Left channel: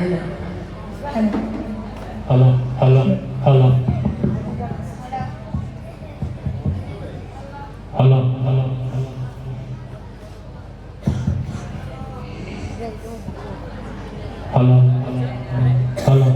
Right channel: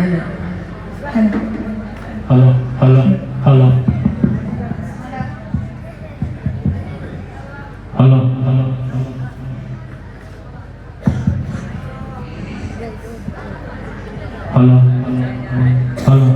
Hello hello hello hello hello hello hello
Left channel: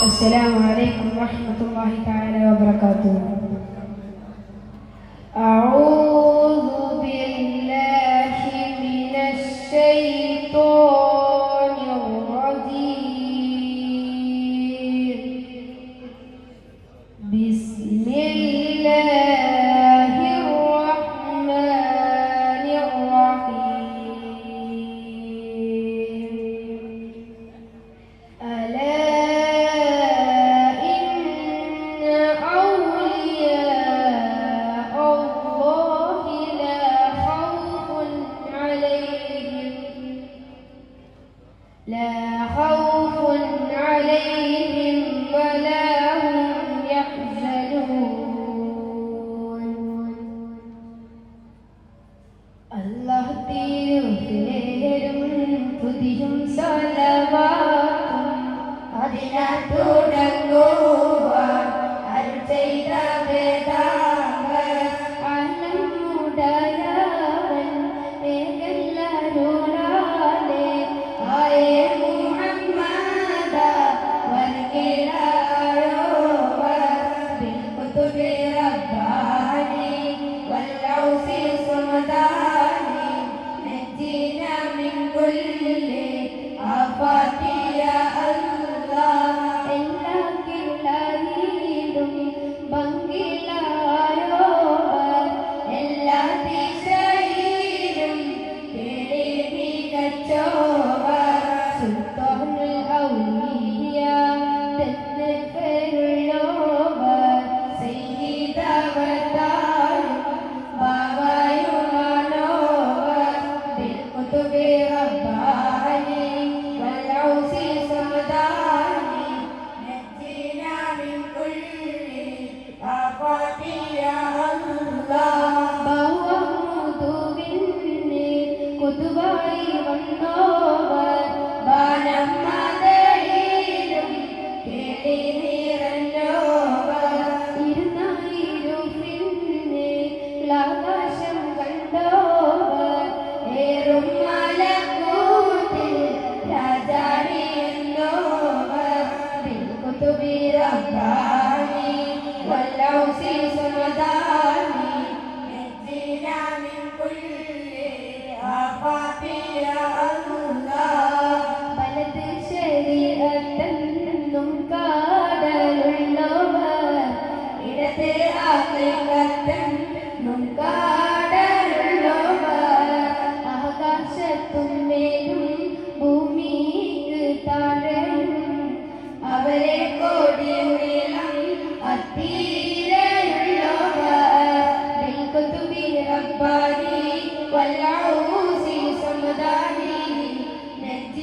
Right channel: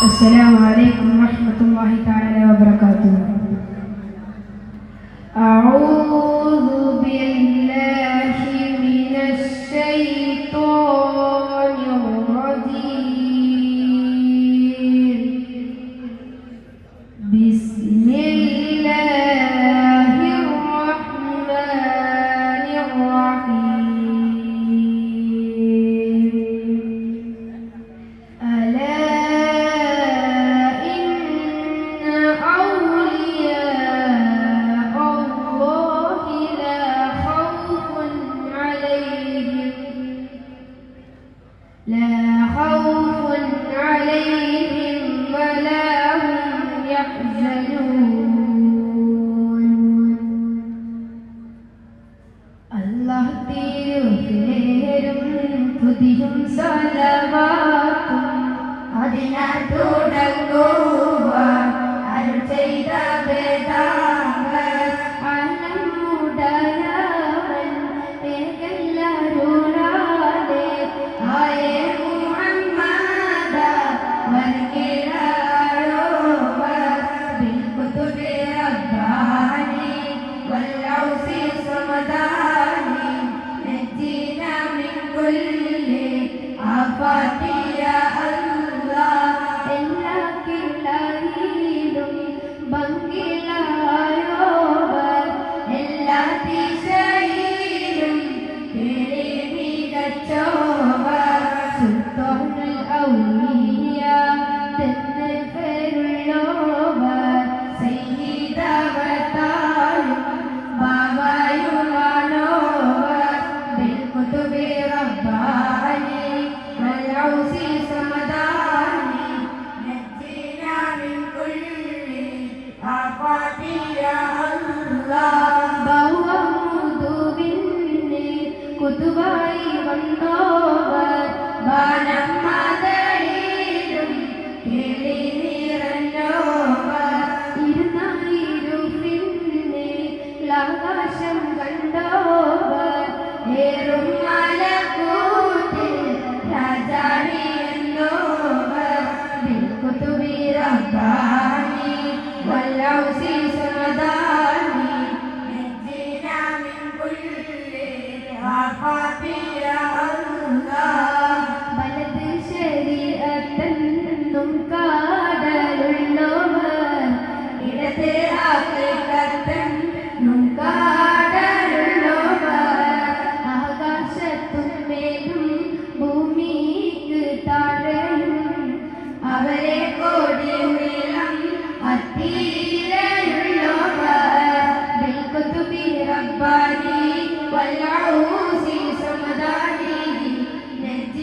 السلام عليكم ورحمة الله تعالى وبركاته. أعوذ بالله من الشيطان الرجيم. بسم الله الرحمن الرحيم. ألا لا خوف عليهم ولا هم يحزنون. الله തിരുപേരും തുതിയും സല്ലവാത്തും അതിനാൽ തുടങ്ങുവാൻ അരുൾ ചെയ്ത വേദാന്തങ്ങൾ അലമുടലാൻ ഏകല്ലരുളാതെ ആയേ മുഹമ്മദ വൽകിരായോവ ബിൽകുതുബി റബ്ബാനി വൽഔസി സമദാനി നജ്ജിന മിൻ കുല്ലി ആഫാതി യാ അല്ലാഹ്. എല്ലാ കിളയിലും ഭംഗിലായോവർ എല്ലാ ദിശയിലും കേളി മികച്ചോവർ സുൽത്താനുൽ ഔലിയ തന്നെ പേരുള്ളോവർ സയ്യിദവതാരും ബാബയുമാനോവർ ബിൽകുതുബി റബ്ബാനി വൽഔസി സമദാനി നജ്ജിന മിൻ കുല്ലി ആഫാതി യാ അല്ലാഹ്. ബഹുമുദുവിന്നെ കുതുബായി വന്നോവർ ബാനം മദയിലും കേളി നിറഞ്ഞോവർ ഇരുന്നായിരും പിന്നെ ആകാശം കണ്ടോവർ ഏറും മലക്കൂട്ടിൽ രാജാണി എന്നോവർ ബിൽകുതുബി റബ്ബാനി വൽഔസി സമദാനി നജ്ജിന മിൻ കുല്ലി ആഫാതി യാ അല്ലാഹ്. വലത് ശരീഅത്തെന്നും കാടലുള്ളോവർ ഇടത് ഹഖീഖത്തെന്നും കാടലുള്ളോവർ ആകാശത്തും മേലും ഭൂമിക്ക് താഴെയും അവരെ കോടി നീളം അത്തീരയുള്ളോവർ ബിൽകുതുബി റബ്ബാനി വൽഔസി സമദാനി നജ്ജിന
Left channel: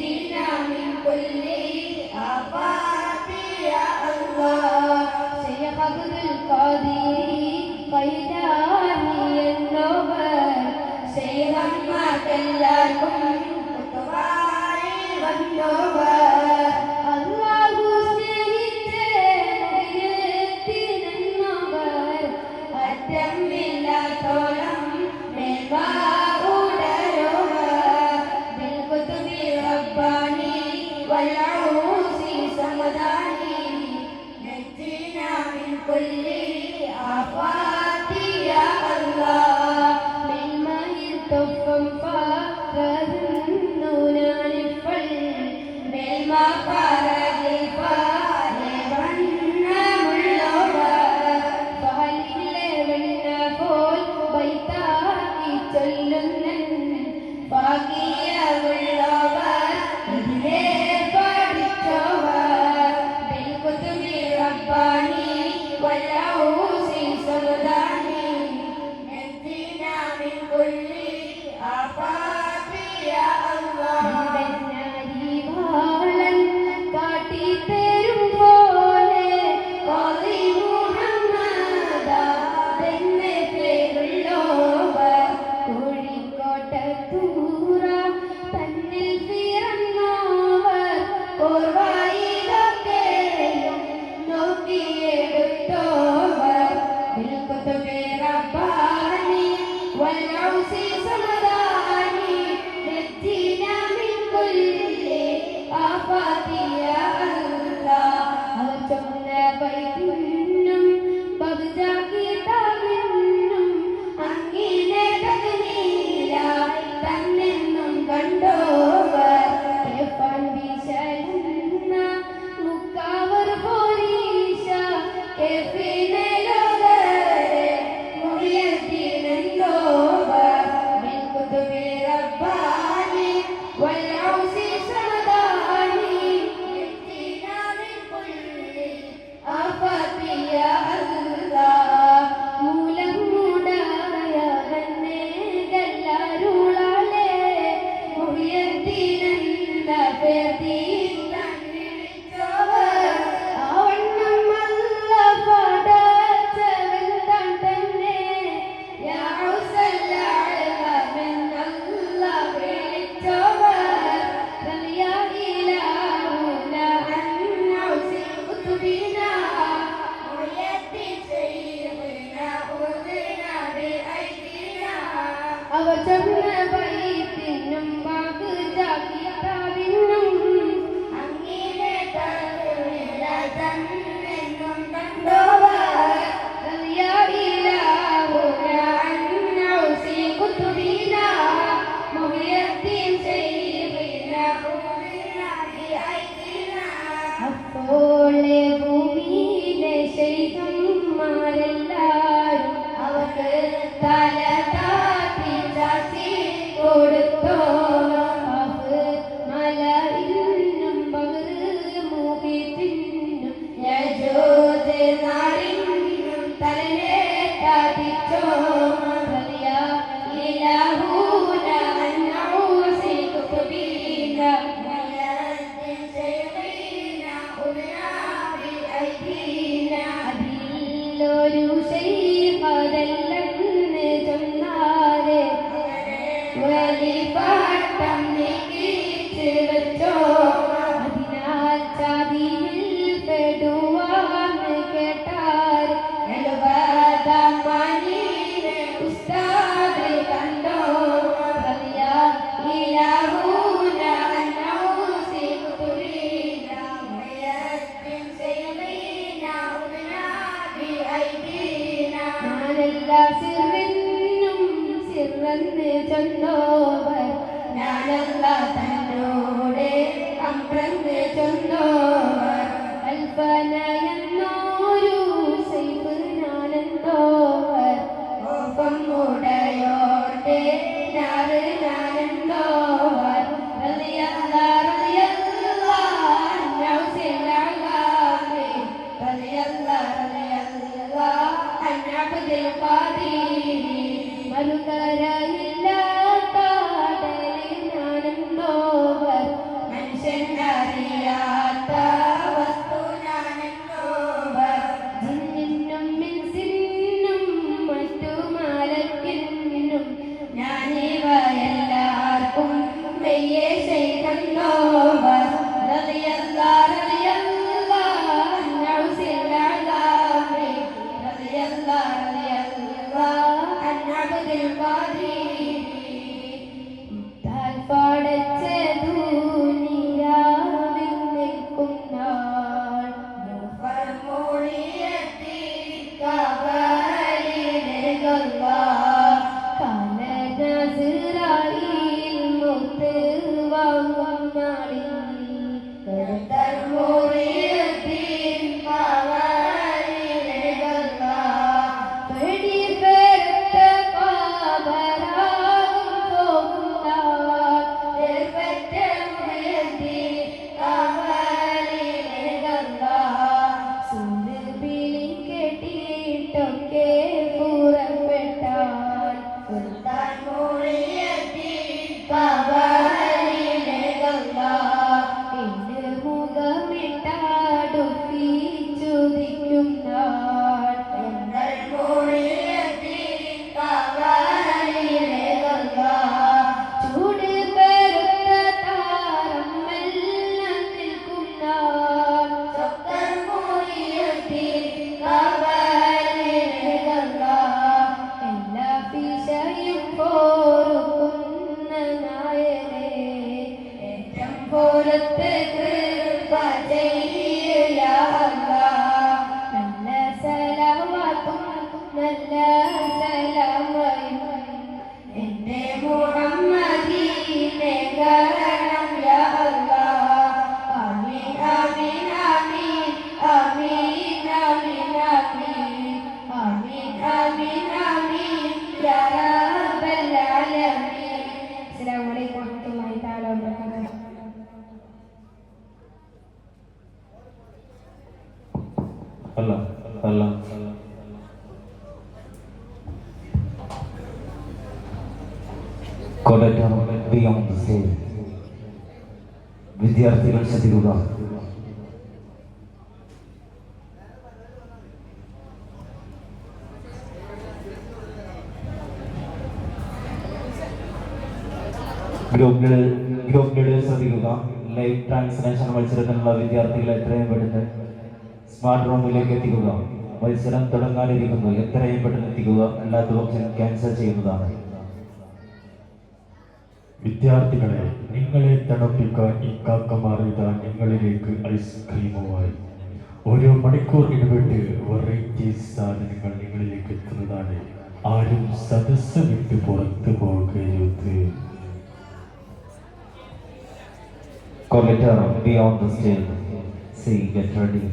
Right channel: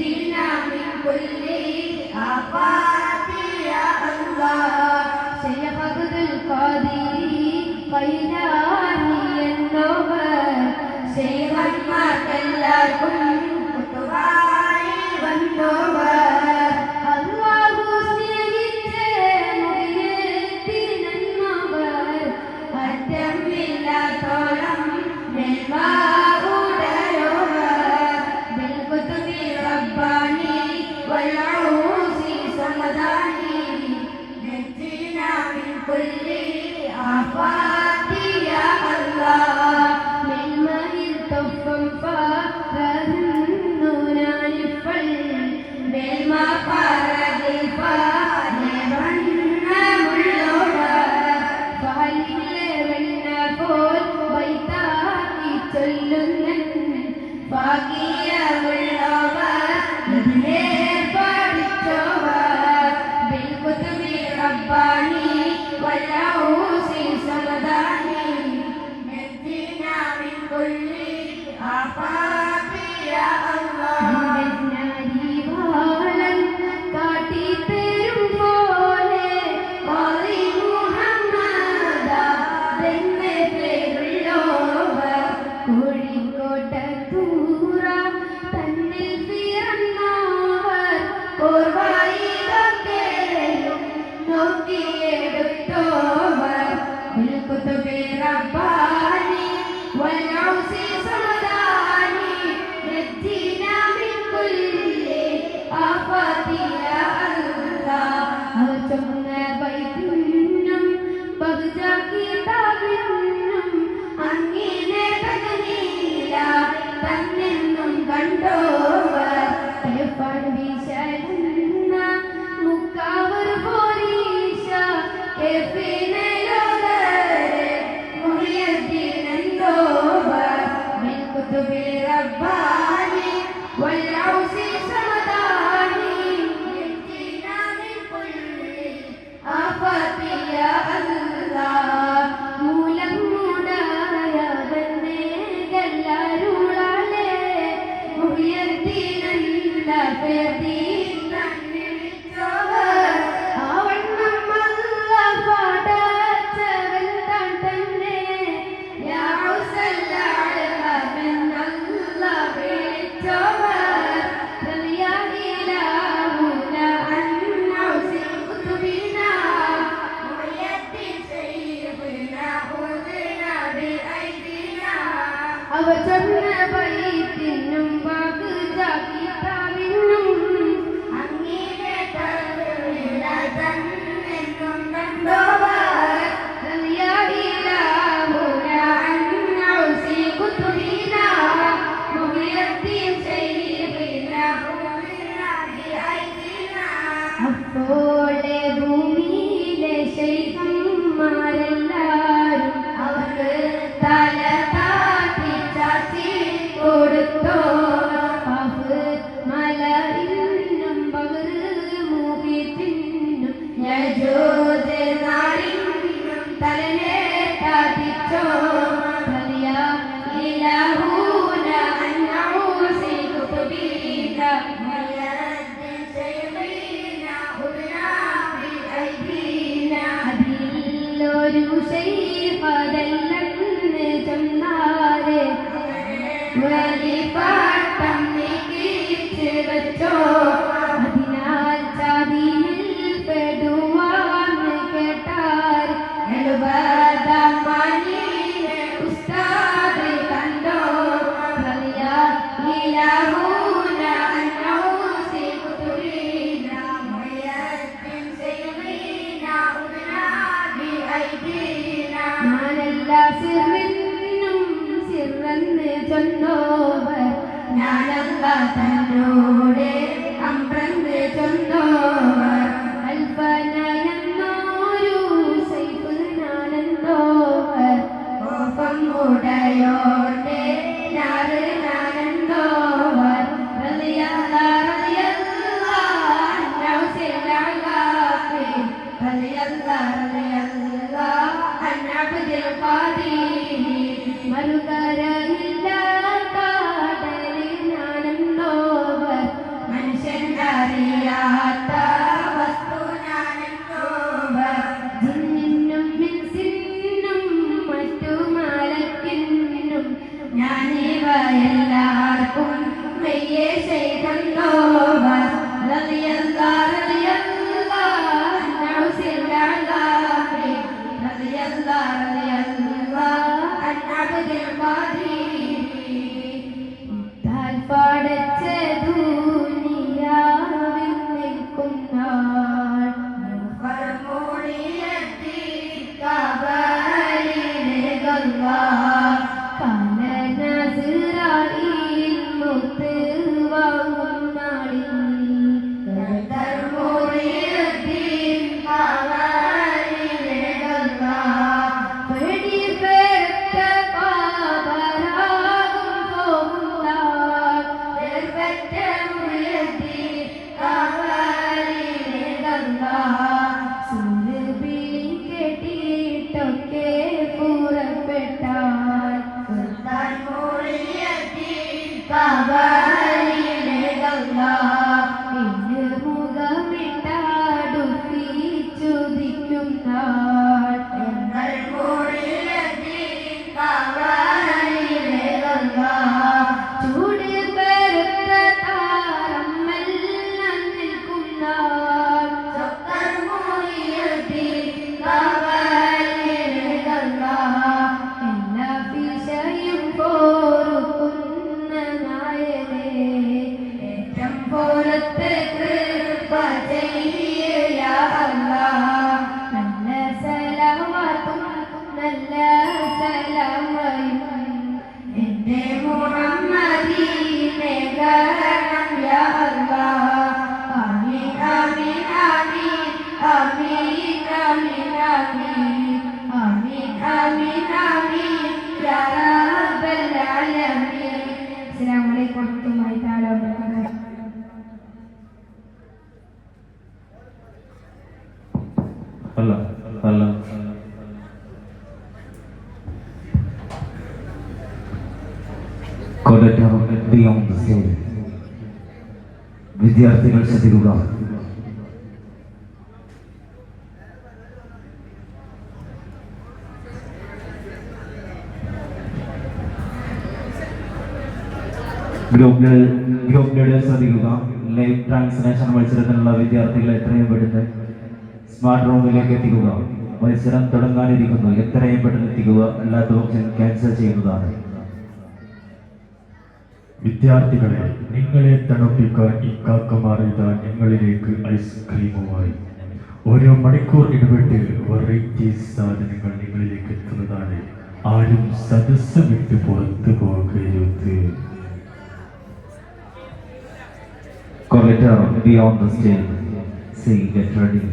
السلام عليكم ورحمة الله تعالى وبركاته. Hello hello beyond the stage. വിദ്യാർത്ഥികൾ ശ്രദ്ധിക്കുക. ഗ്രൂപ്പ് ലീഡർ ശ്രദ്ധിക്കുക. ലൈവ് ട്രാൻസ്ലേഷൻ മത്സരത്തിനുള്ള വിദ്യാർത്ഥികൾ എത്രയും പെട്ടെന്ന് സ്മാർട്ട് റൂമിലേക്ക് എത്തിക്കുക. മത്സരം തുടങ്ങാനിരിക്കുന്നു. എത്രയും പെട്ടെന്ന് എത്തിക്കുക, അല്ലാത്ത പക്ഷം ക്യാൻസൽ ചെയ്യുന്നതാണ്. വിദ്യാർത്ഥികളെ, നിങ്ങളെ തണുപ്പിക്കാൻ ഇക്കാക്കമാർ ഇതാ നിങ്ങളിലേക്ക് ഐസ്ക്രീമുമായി. ഓരോ മണിക്കൂർ ഇടവിട്ട് വെറൈറ്റി സാധനങ്ങൾ നിങ്ങളിലേക്ക് എത്തുന്നതാണ്. ആരും സദസ്സ് വിട്ട് പുറത്തു പോകരുത്. Collector beyond the stage. Say, get ready.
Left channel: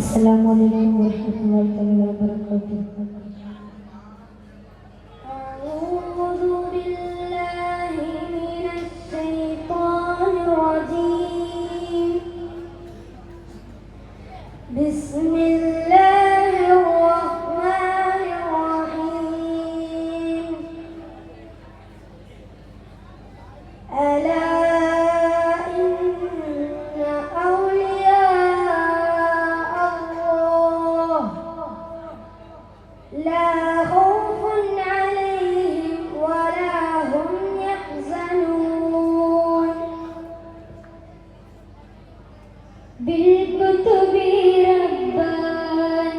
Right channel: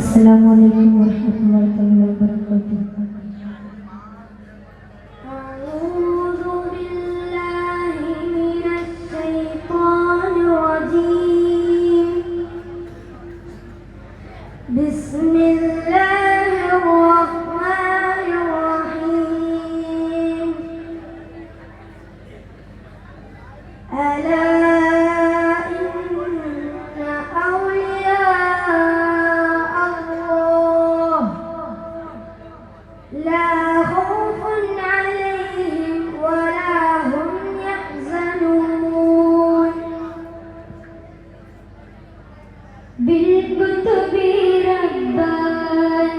السلام عليكم ورحمة الله تعالى وبركاته. أعوذ بالله من الشيطان الرجيم. بسم الله الرحمن الرحيم. ألا بالكتب رباني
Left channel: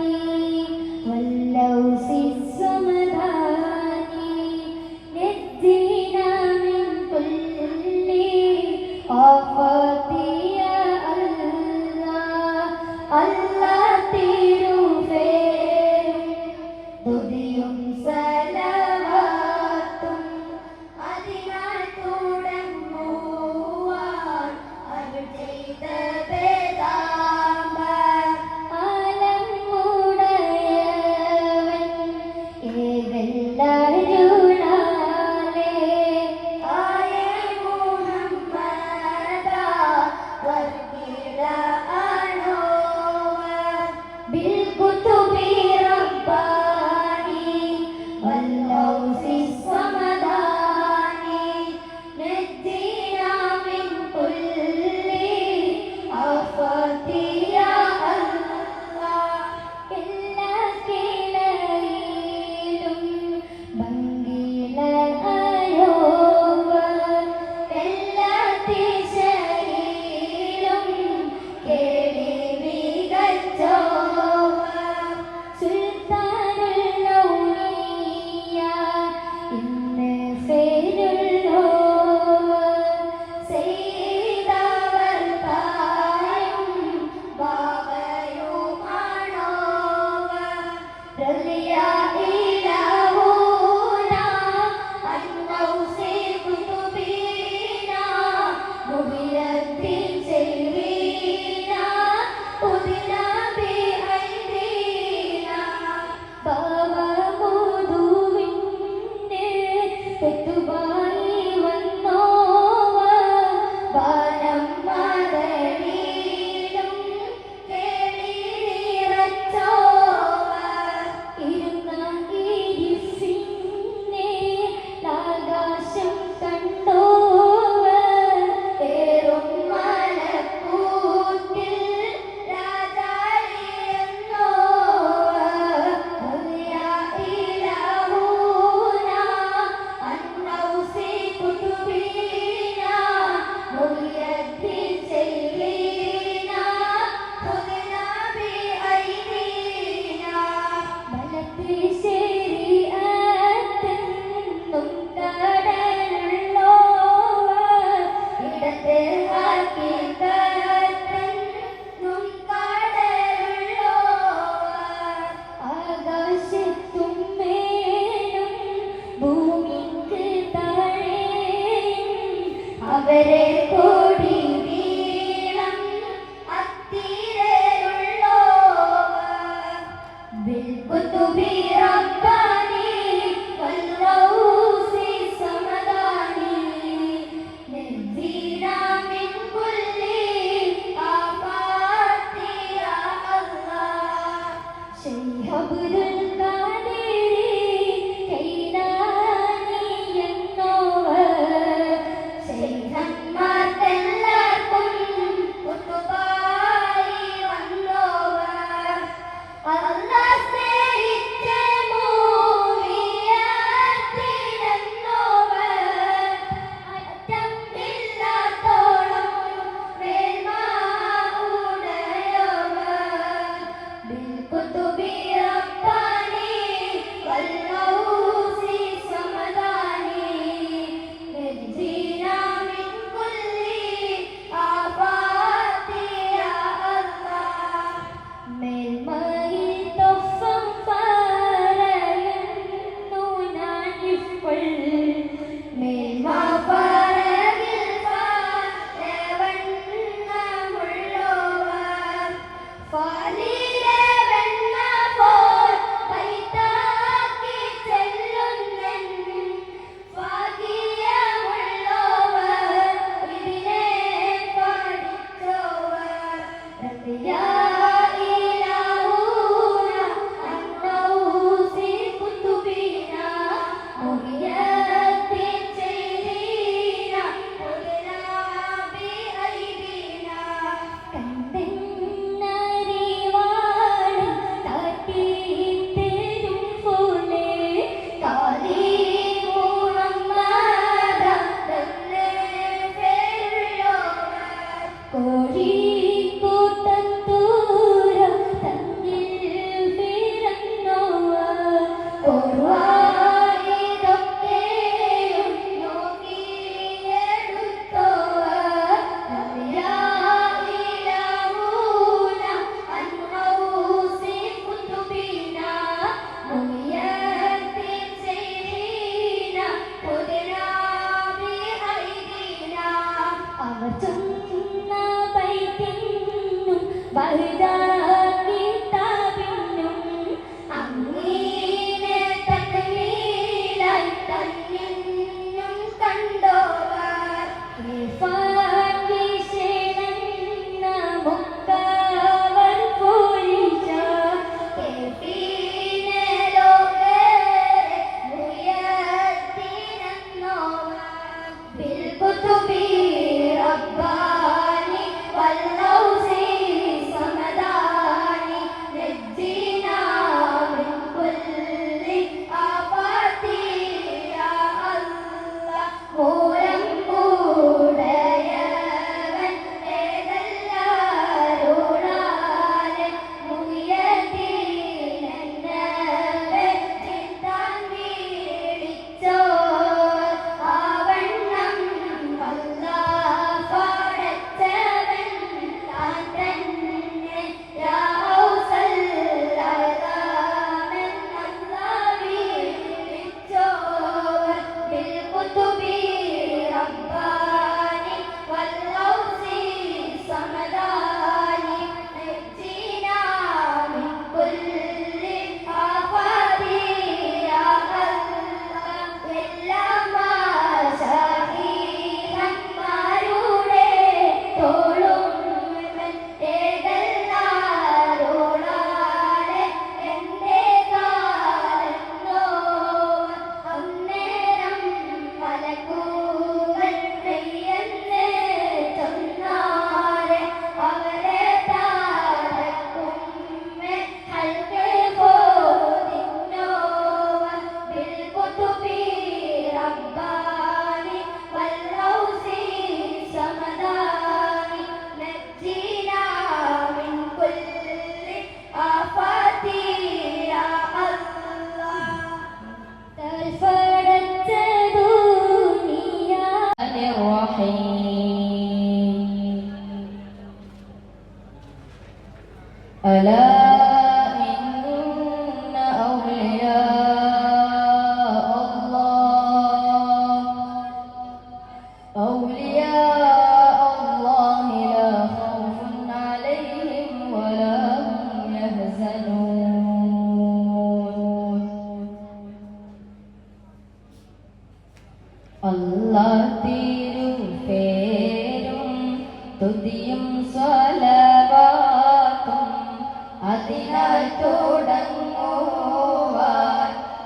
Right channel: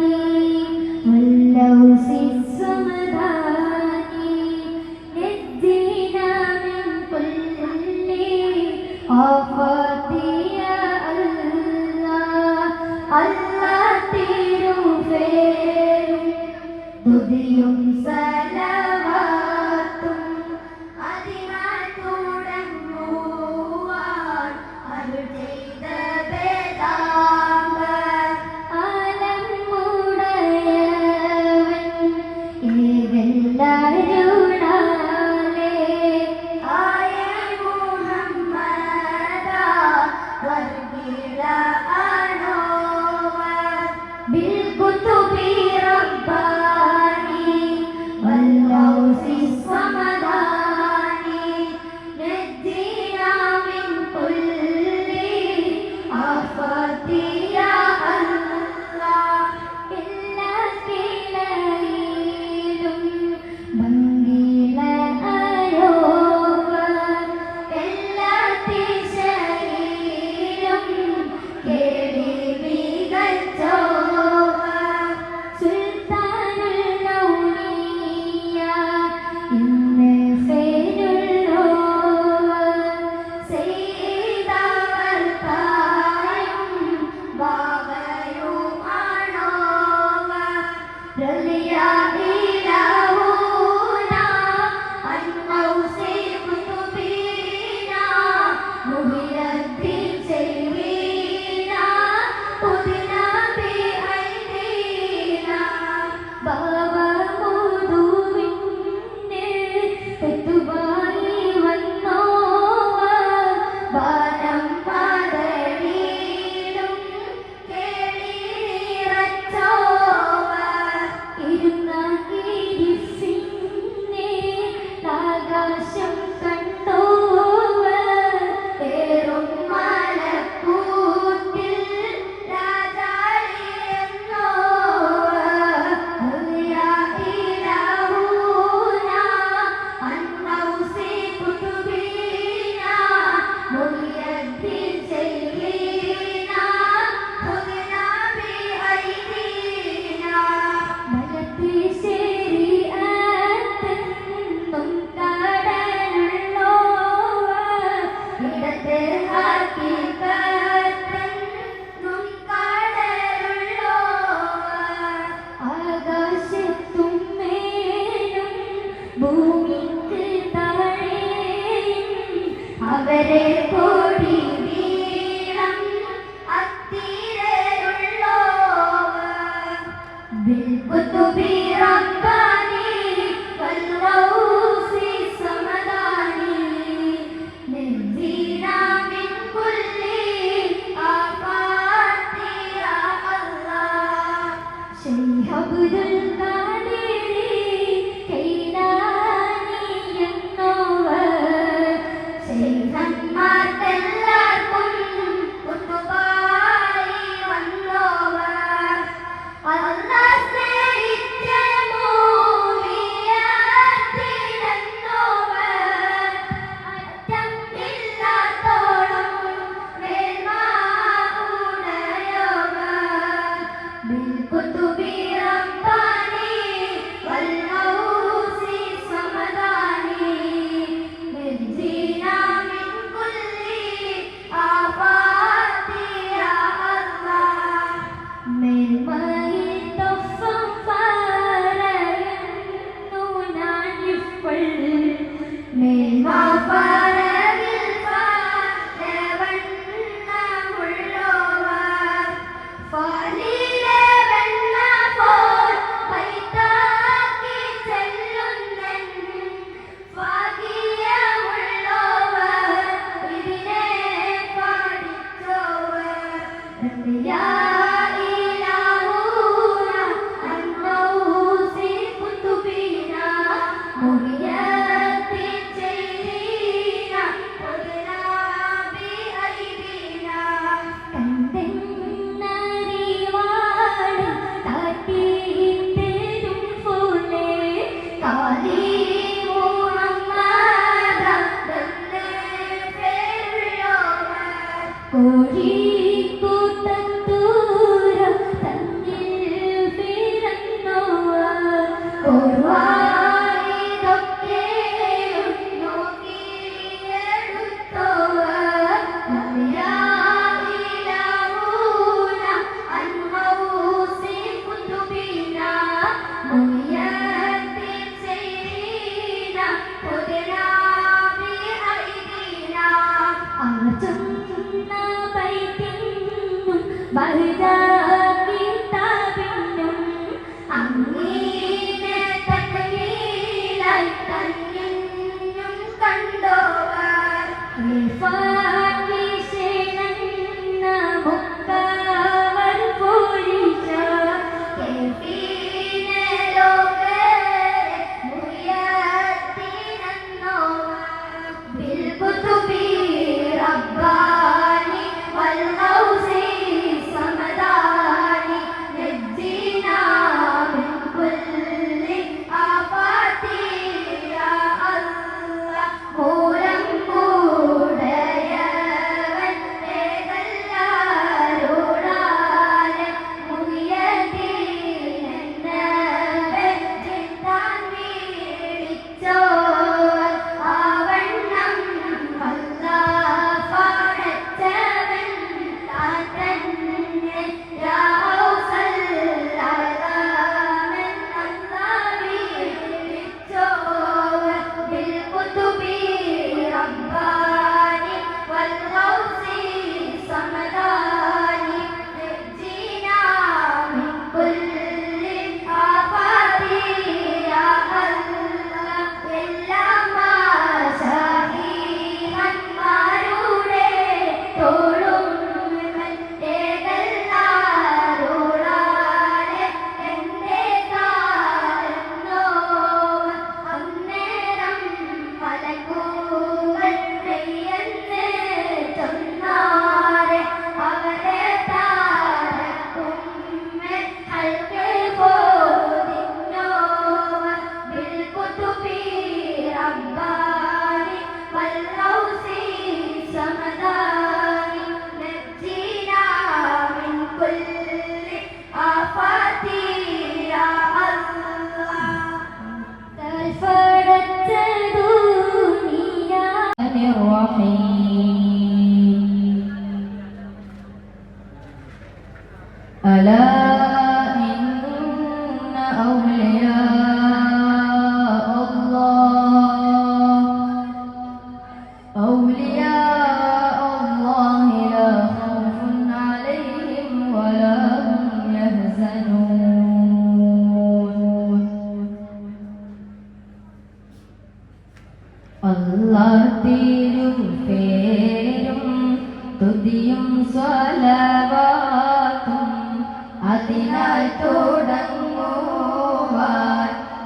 അതിനാൽ തുടങ്ങുവാൻ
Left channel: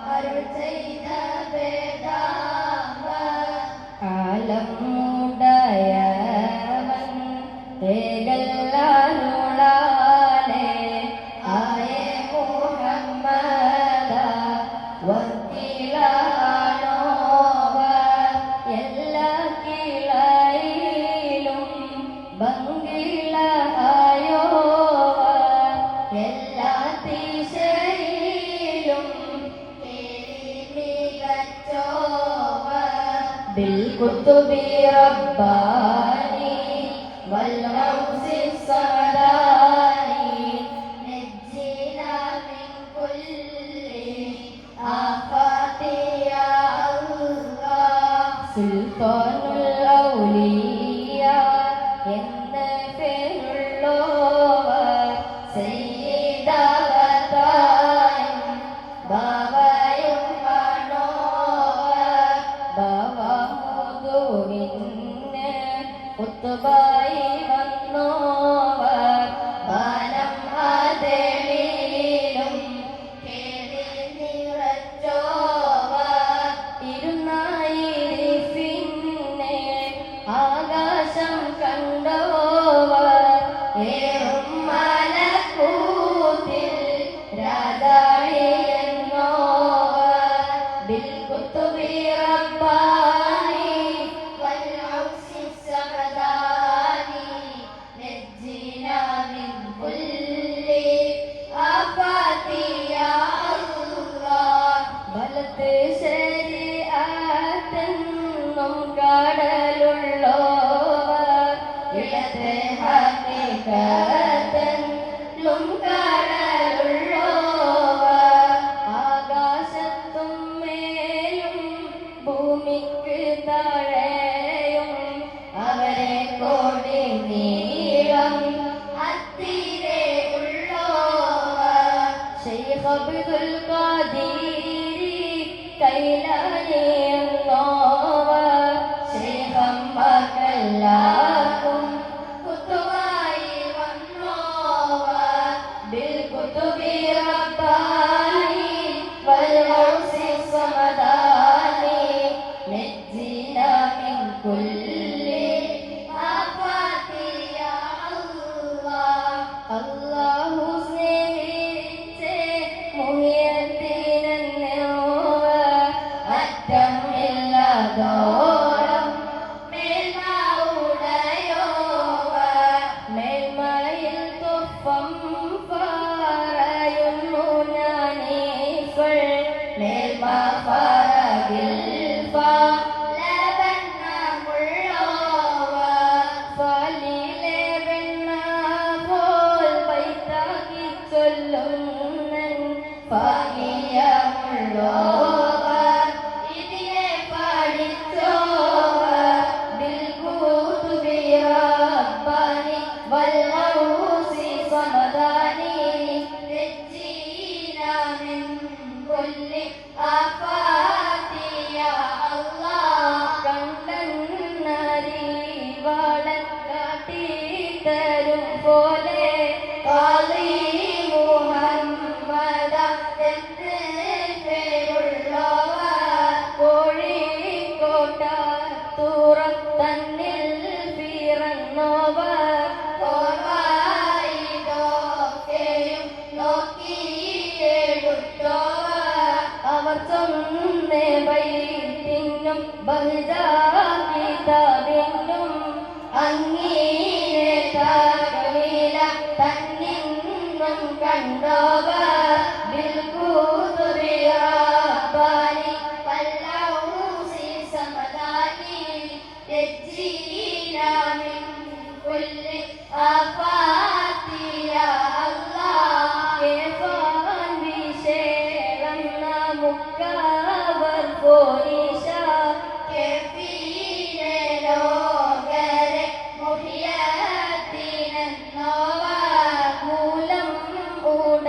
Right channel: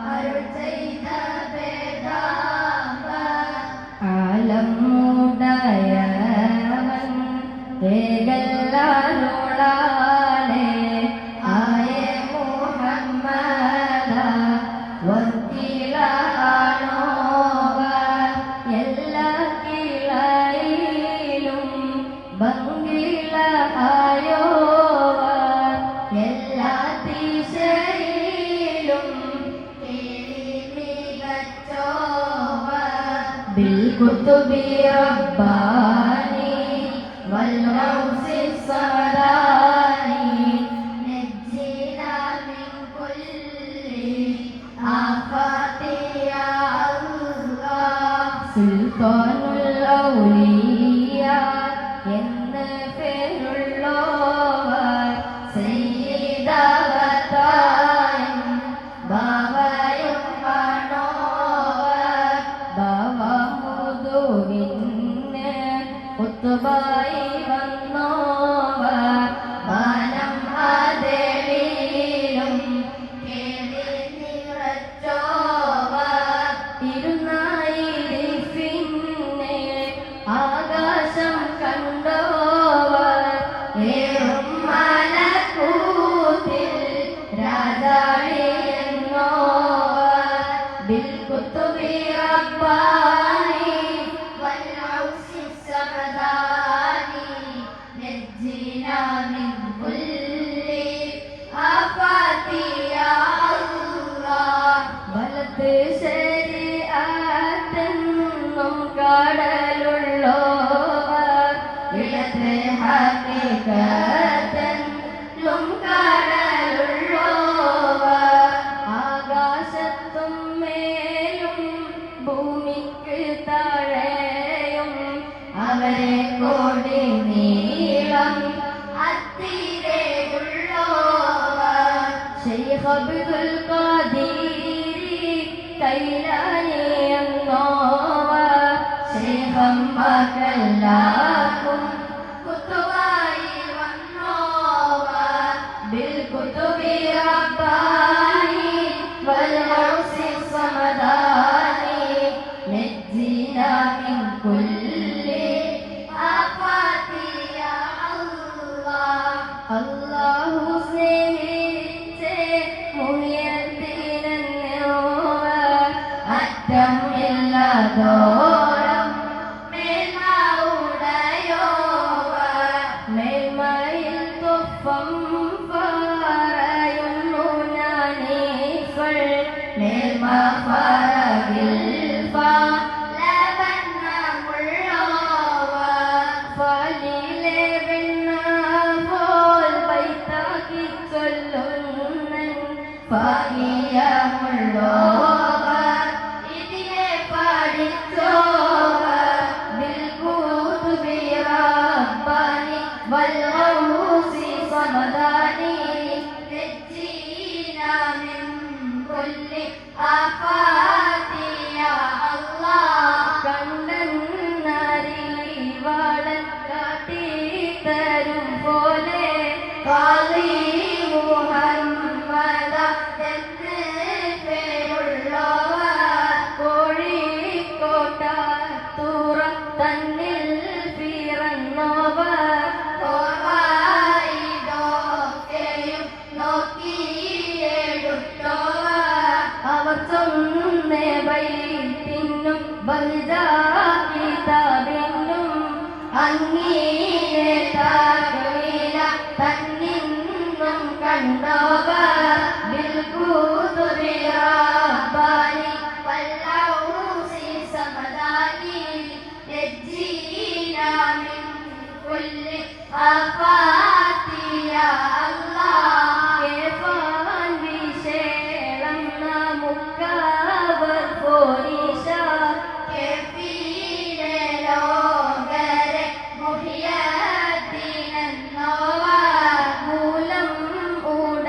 അരുൾ ചെയ്ത വേദാംഗ ആലം മുടയവൻ ഏകല്ലാരുളാലേ ആയേ മുഹമ്മദ വക്കീലാണോവ എല്ലാ കിളയിലും ഭംഗിളായോവ എല്ലാ ദിശയിലും കേറി മികച്ചോവ ബിൽകുത്തുബി റബ്ബാനി വൽമൗസി സമദാനി നജ്ജിനാ മിൻ കുല്ലി ആഫാതി യാ അല്ലാഹ് സുൽത്താനുൽ ഔലിയ എന്ന് പേരുള്ളോവർ സയ്യിദാവതായും ബാവയും ആണോവർ ബാവമുദുവിന് കുത്തുബായി വന്നോവർ വാനം ആദേളിലും കേറി നിറച്ചോവർ ഇരുന്നായിരിപ്പിന്നെ ആകാശം കണ്ടോവർ ഏറും മലക്കൂത്തിൽ രാജാളിയെന്നോവർ ബിൽകുത്തുബി റബ്ബാനി വൽഔസി സമദാനി നജ്ജിനാ മിൻ കുല്ലി ആഫാതി യാ അല്ലാഹ് വലത് ശരീഅത്തെന്നും കടലുള്ളോവർ ഇടത് ഹഖീഖത്തെന്നും കടലുള്ളോവർ ആകാശത്തും മേലും ഭൂമിക്ക് താഴെയും അവരെ കോടി നീളം അത്തിരയുള്ളോവർ ശൈഖ് അബ്ദുൽ ഖാദിരി കൈലാനി എന്നോവർ ശൈഖന്മാർക്കെല്ലാവർക്കും കുത്തുബായി വന്നോവർ ബിൽകുത്തുബി റബ്ബാനി വൽഔസി സമദാനി നജ്ജിനാ മിൻ കുല്ലി ആഫാതി യാ അല്ലാഹ് അല്ലാഹു സ്നേഹിച്ചേ മുഹിയത്തിനെന്നോവർ അറ്റം ഇല്ലാതോളം മേൽമ ഉടയോവർ മേൽമയിൽ തൊപ്പം പറയുന്നു ഞാനീപ്പോൾ മേൽമ ഫറകിൽ ഫലവണ്ണമുള്ളോവർ ഫലിലെ വെണ്ണ പോൽ വൈത്താക്കി ചൊല്ലുന്നൻ ഫാകിയമുള്ളോവർ ഇതിനെ പഠിച്ചോവർ ബിൽകുത്തുബി റബ്ബാനി വൽഔസി സമദാനി നജ്ജിനാ മിൻ കുല്ലി ആഫാതി യാ അല്ലാഹ് കണ്ടന്നരിവാളൻ കാട്ടിത്തരും പോലെ ഖാദി മുഹമ്മദ എന്ന് പേരുള്ളോവർ കോഴിക്കോട്ടത്തുറത്തന്നിൽ പിറന്നോവർ കോവായിടൊക്കെയും നോക്കിയെടുത്തോവർ അവർ ചൊന്നേ വൈത്തിനും ബഹുജാകിതബിന്നും അങ്ങീരെ താകവില തന്നിന്നും കണ്ടോവർ ബിൽകുത്തുബി റബ്ബാനി വൽഔസി സമദാനി നജ്ജിനാ മിൻ കുല്ലി ആഫാതി യാ അല്ലാഹ് കേഫാൻ വിശേഷം നമുക്കവർ പോരീശ കേഫീലെ ലോകരെ മുഹിയത്തിനെന്നോവർ മൂലം ഉട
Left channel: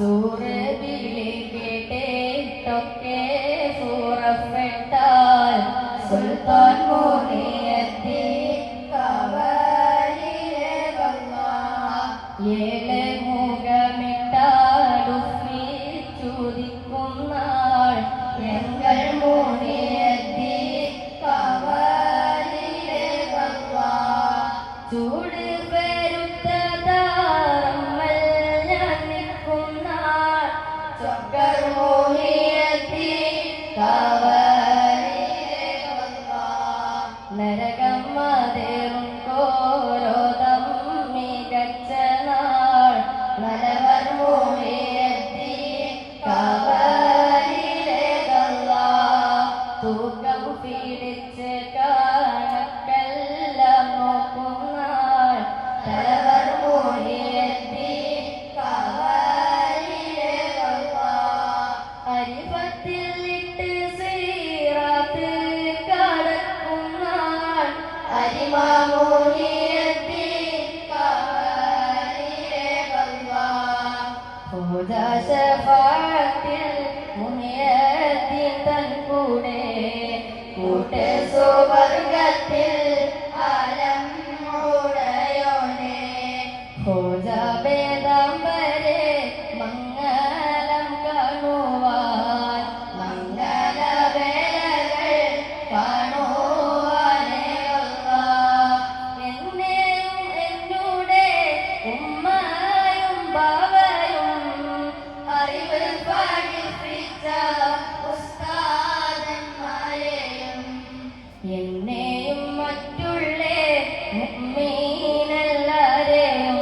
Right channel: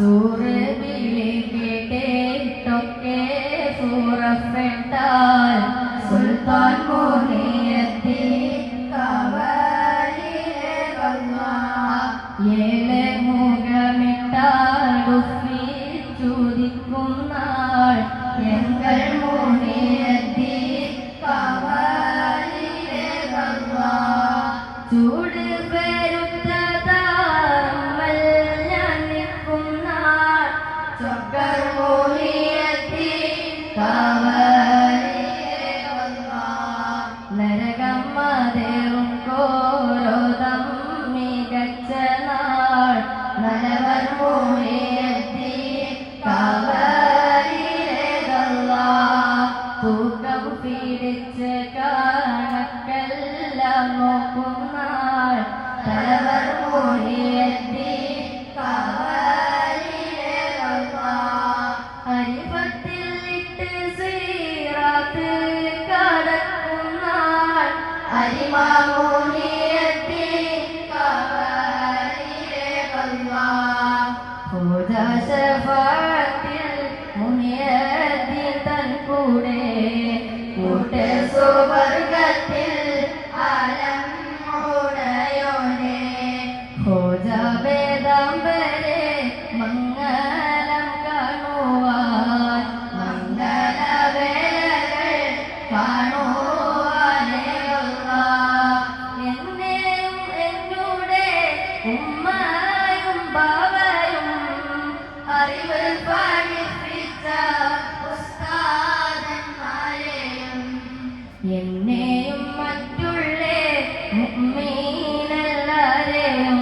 സൂറവിളി കേട്ടൊക്കെ പുറപ്പെട്ടാൽ സുൽത്താൻ മുഹിയുദ്ദീൻ കവലിലെ ഏഴ് മുഖമിട്ടാടുപ്പി ചുതിക്കുന്നാൾ എങ്ങൾ മുഹിയുദ്ദീൻ കവലിലെ ചൂട് പെരുത്തതാമൽ ഞാനിക്കുന്നാൾ ചൊക്കർ മുഹിയുദ്ദീൻ കവലിലെ നരകം മതേറും കോരോദം മികച്ച നാൾ നരവർ മുഹിയുദ്ദീൻ കവലിലെ തൂക്കം പിടിച്ച് കണക്കെല്ലാം നോക്കുന്നാൾ നരവർ മുഹിയുദ്ദീൻ കവലിലെ അരിപത്തിൽ ഇട്ട് ശ്രീറാത്ത് കടക്കുന്നാൾ അരിമ മുഹിയുദ്ദീൻ കവലിലെ ഹോദാ ശഫാഅത്തിൽ മുഹിയുദ്ദീൻ തൻ കൂടെ കൂട്ട് സുവർഗത്തിൽ ആലം ഉടയോനെ ഹോദാ വേദാംബരെ മംഗളം കാണുവാൻ മംഗളവേളകൾ കാണുവാനേ എന്നെയും എന്നോടെ ഉമ്മയും ബാവയും അറിവ് പഠിപ്പിച്ച ഉസ്താദന്മാരെയും എന്നെയും മറ്റുള്ള മുഅ്മിനീനെല്ലാരെയും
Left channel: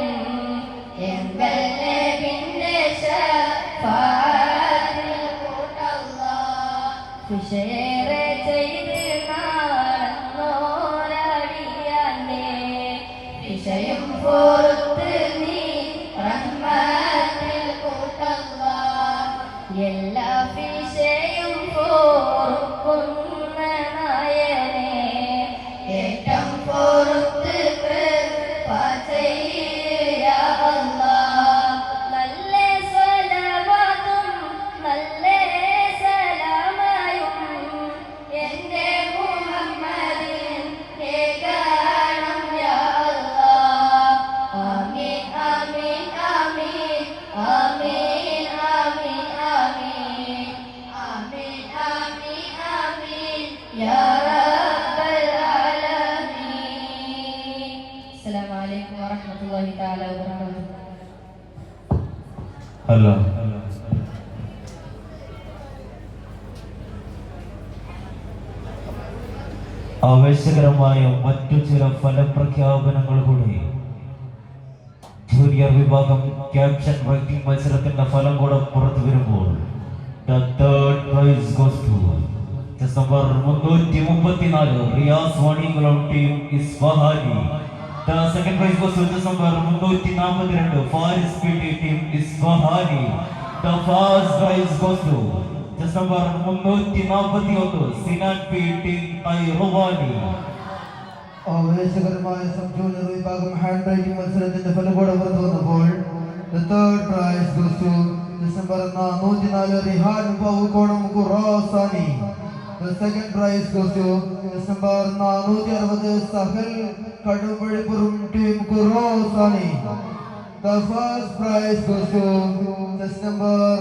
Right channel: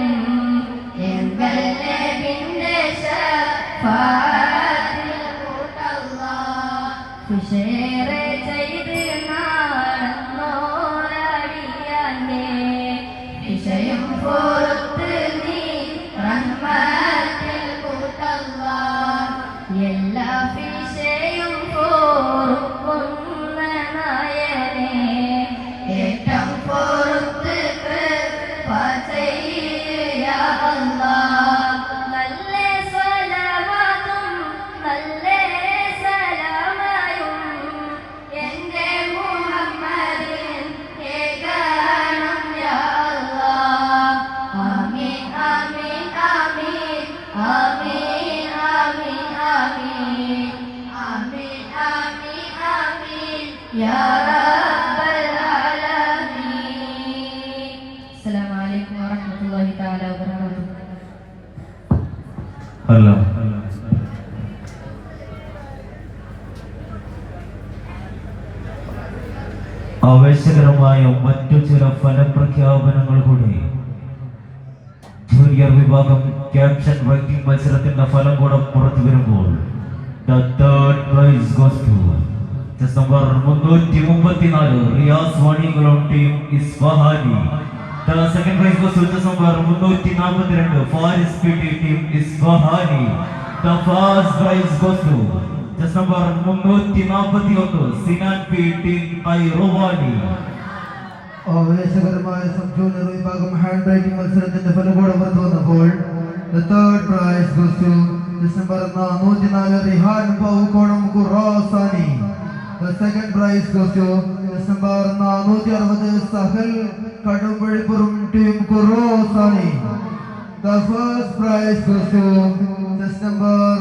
എങ്കൽ നബിന്റെ ശഫാഅത്തിൽ കൂട്ടല്ലാഹ് വിശേറെ ചെയ്ത് നടന്നോരടിയാനെ വിഷയം പൊറുത്ത് നീ റഹ്മത്തിൽ കൂട്ടല്ലാഹ് എല്ലാ വിഷയം പൊറുക്കുന്ന നായനെ ഏറ്റം പൊറുത്ത് കൃപ ചെയ്യ അല്ലാഹ് നല്ല സ്വലവാതും നല്ല സലാമയും എന്റെ മുഹമ്മദിൻ ഏകണം യാ അല്ലാഹ് ആമീൻ ആമീൻ ആമീൻ ആമീൻ ആമീൻ ആമീൻ ആമീൻ ആമീൻ ആമീൻ യാ റബ്ബൽ ആലമീൻ. അസ്സലാമു അലൈക്കും വറഹ്മത്തുള്ളാഹി തആല വബറകാതുഹു. ഹലോ ആവേശകരമായ മറ്റു ചില ഫലപ്രഖ്യാപനങ്ങൾ കൂടി. ജൂനിയർ വിഭാഗം ക്യാപ്ഷൻ റൈറ്റിംഗ് മത്സരത്തിന്റെ ഫലം കൂടെ പുറത്തു വരുമ്പോൾ the third prize goes to just number 334 Riyas Vaniyamkulam team Isfahani. The second prize goes to just number 342 Faris PT team Isfahani. The first prize goes to just number 341 Sinan P team Kairawani. ആവേശകരമായ സബ് ജൂനിയർ വിഭാഗം handwriting മത്സരത്തിന്റെ ഫലം പുറത്തു വന്നപ്പോൾ the third prize goes to December 404 Rihan Bavukolam Khurasani. The second prize goes to December 460 Sahal Kadumpallippuram team Khurasani. The first prize goes to December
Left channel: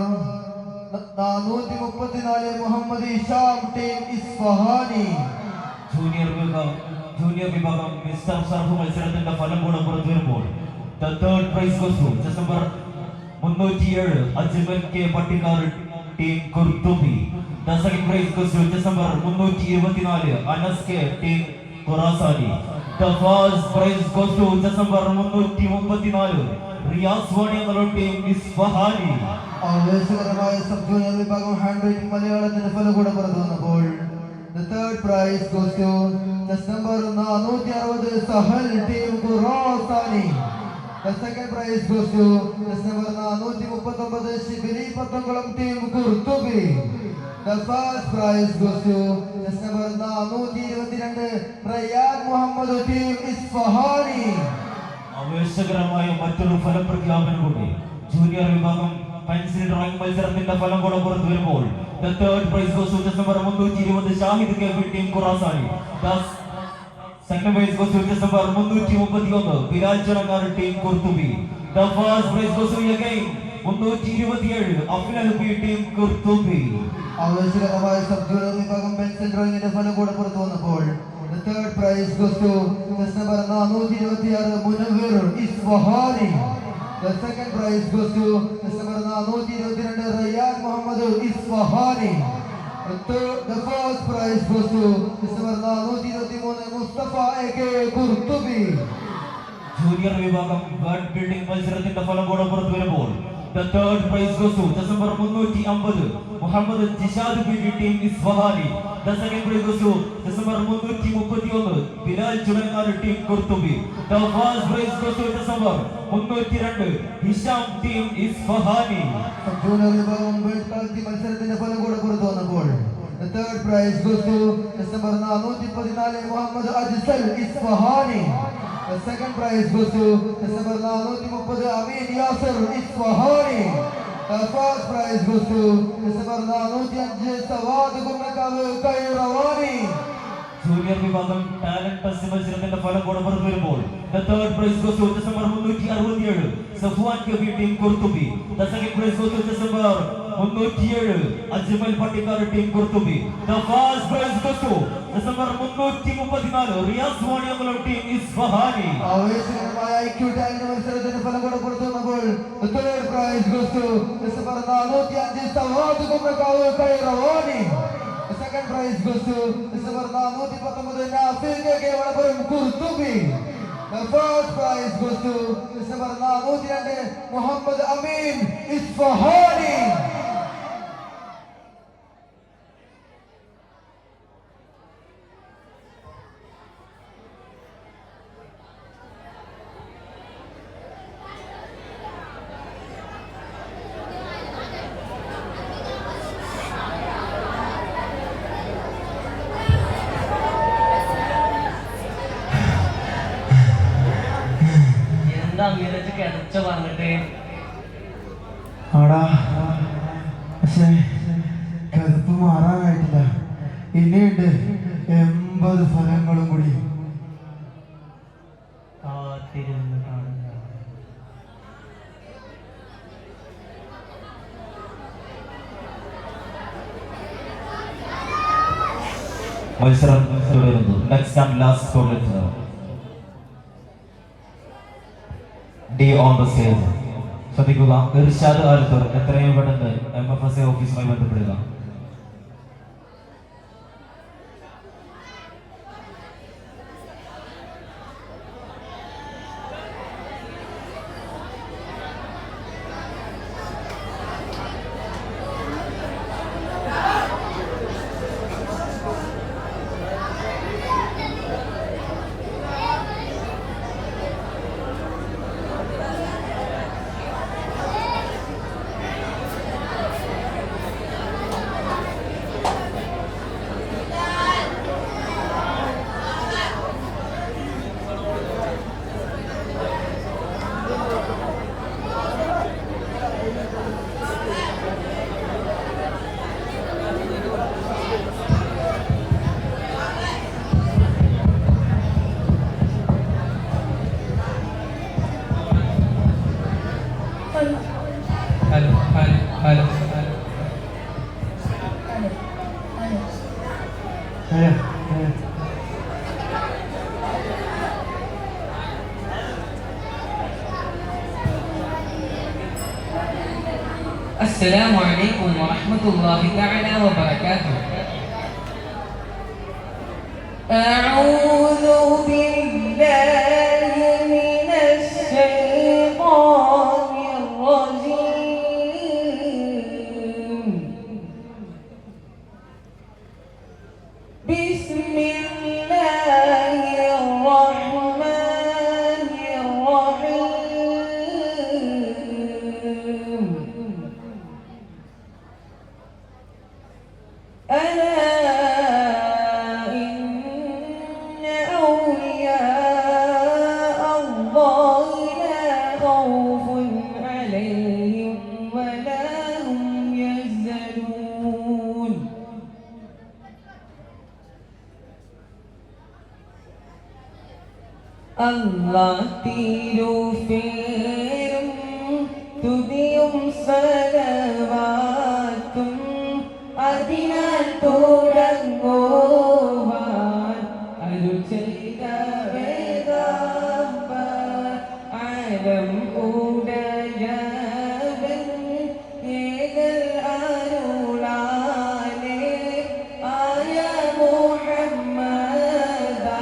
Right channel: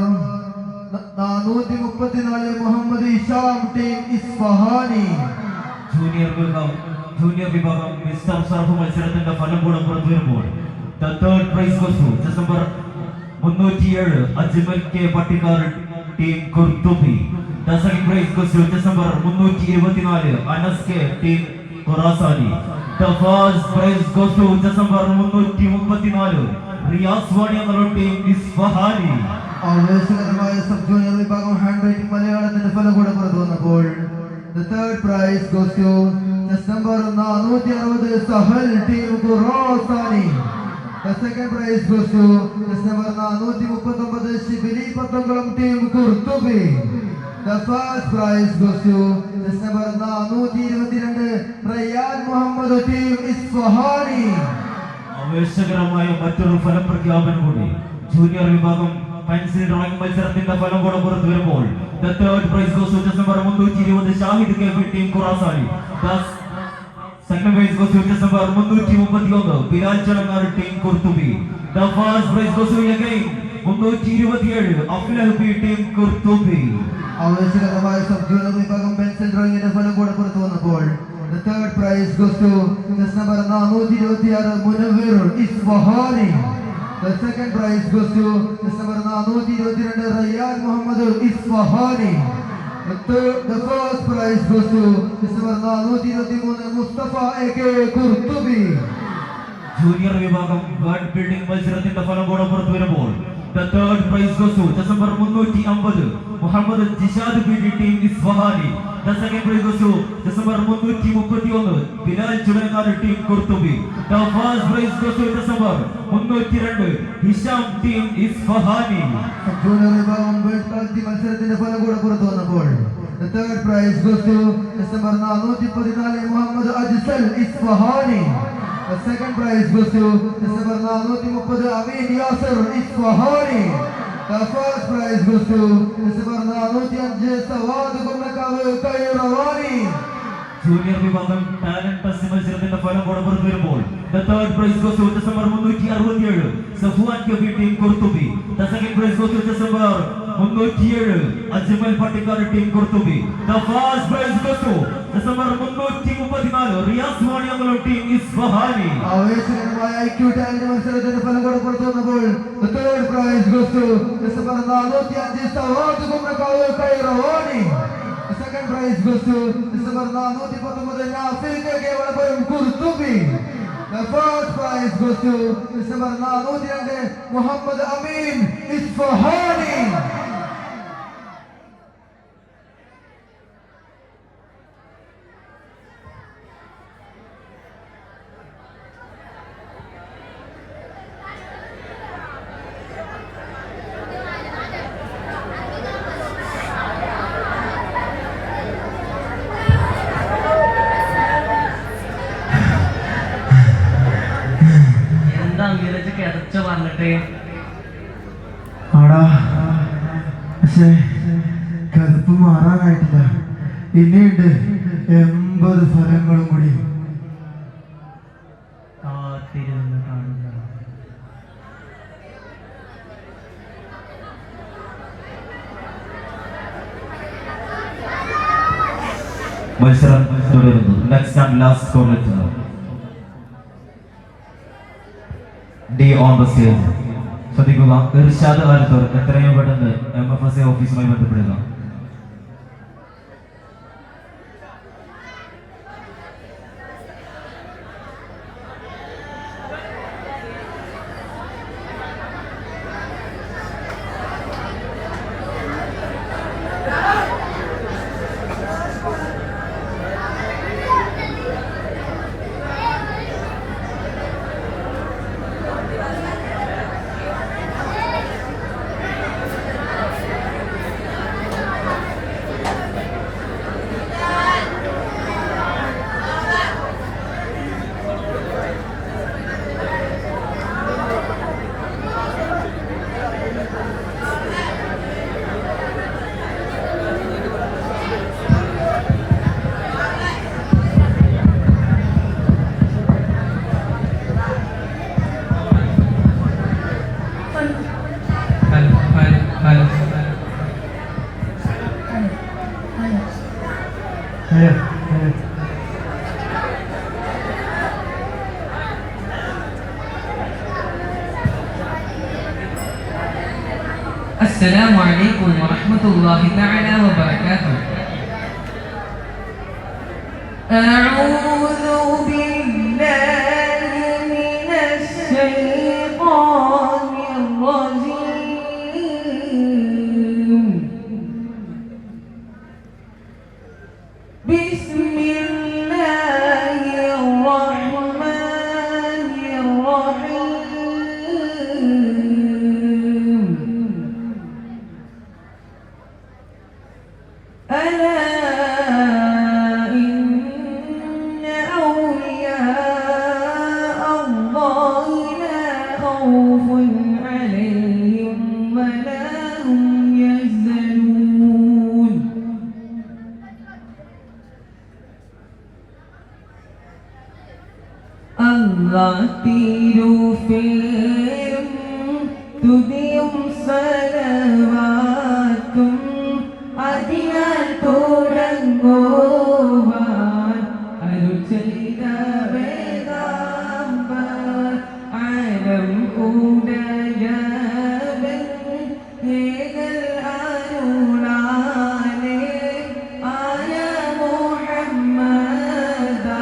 434 Muhammad Isham team Isfahani. Junior വിഭാഗം mister സർഫ് മത്സരത്തിന്റെ ഫലം കൂടെ പുറത്തു വരുമ്പോൾ the third prize goes to December 307 Ajmal K Pattikkar team Qurtubi. The second prize goes to December 324 Anas K team Khurasani. The first prize goes to December 334 Riyas Vaniyamkulam team Isfahani. ആവേശകരമായ sub junior വിഭാഗം handwriting മലയാളത്തിന്റെ ഫലം കൂടെ പുറത്തു വന്നപ്പോൾ the third prize goes to December 460 Sahal team Khurasani. The second prize goes to December 439 Shibili Pathamkulam team Qurtubi. The first prize goes to December 422 Rayan Muhammad team Isfahani. ആവേശകരമായ മറ്റൊരു ഫലപ്രഖ്യാപനം കൂടി. ജൂനിയർ വിഭാഗം പെൻസിൽ ഡ്രോയിങ് മത്സരത്തിന്റെ ഫലം കൂടെ പുറത്തു വരുമ്പോൾ the third prize goes to December 320 Shahid K B team Khurasani. Second prize goes to December 331 Bilal Chadangar team Qurtubi. The first prize goes to again 327 Aflal B team Qurtubi. ആവേശകരമായ സബ്ജൂനിയർ വിഭാഗം പെൻസിൽ ഡ്രോയിങ്ങിന്റെ ഫലം കൂടെ പുറത്തു വന്നപ്പോൾ the third prize goes to December 426 Munavvir Isfahani. The second prize goes to December 422 Rayan Muhammad Isfahani. The first prize goes to December 423 Mustafa A K. Qurtubi. Junior വിഭാഗം ഗാർഡ് building മത്സരത്തിന്റെ ഫലം കൂടെ പുറത്തു വരുമ്പോൾ the third prize goes to December 350 Muhammad Jishad B team Isfahani. The second prize goes to December 331 Bilal Chudangar team Qurtubi. The first prize goes to December 302 Hisham team Isfahani. Junior വിഭാഗം world കളി മത്സരത്തിന്റെ ഫലം കൂടെ പുറത്തു വന്നപ്പോൾ the third prize goes to December 414 Muhammad Ajsal Isfahani. The second prize goes to December 430 Ameen Yasir Isfahani. The first prize goes to December 405 Savad Kumarakkavu Kairawani. Junior വിഭാഗം talent test മത്സരത്തിന്റെ ഫലം കൂടെ പുറത്തു വരുമ്പോൾ the third prize goes to December 367 Safwan K B team Qurtubi. The second prize goes to December 307 Ajmal Pattikkar team Qurtubi. The first prize goes to December 334 Riyas Moniyamalo team Isfahani. ആവേശകരമായ IQ talent മത്സരത്തിന്റെ ഫലം കൂടെ പുറത്തു വന്നപ്പോൾ the third prize goes to December 405 Savad Kumarakkavu Kairawani. The second prize goes to December 419 Nafil K Valappuram Qurtubi. The first prize goes to December 402 Muhammad Ameen Isfahani. ആടാ പക്ഷേ കറുപ്പ് മാറാനായിട്ടില്ല. ഇനിയുണ്ട് 80 ഫലങ്ങളും കൂടി. മത്സരം തുടരുന്നു. Next and last corner D on the stage. ശ്രദ്ധിക്കുക, ഇർഷാദ് ആൽത്തർ എത്രയും പെട്ടെന്ന് MFSA ഓഫീസുമായി ബന്ധപ്പെടുക. السلام عليكم ورحمة الله تعالى وبركاته. أعوذ بالله من الشيطان الرجيم. بسم الله الرحمن الرحيم. ألا إن തുതിയും സലവാത്തും അതിനാൽ തുടങ്ങുവാൻ അരുൾ ചെയ്ത വേദാംബർ ആലം ഉടയവൻ ഏകൽ അരുളാലേ ആയ മുഹമ്മദാ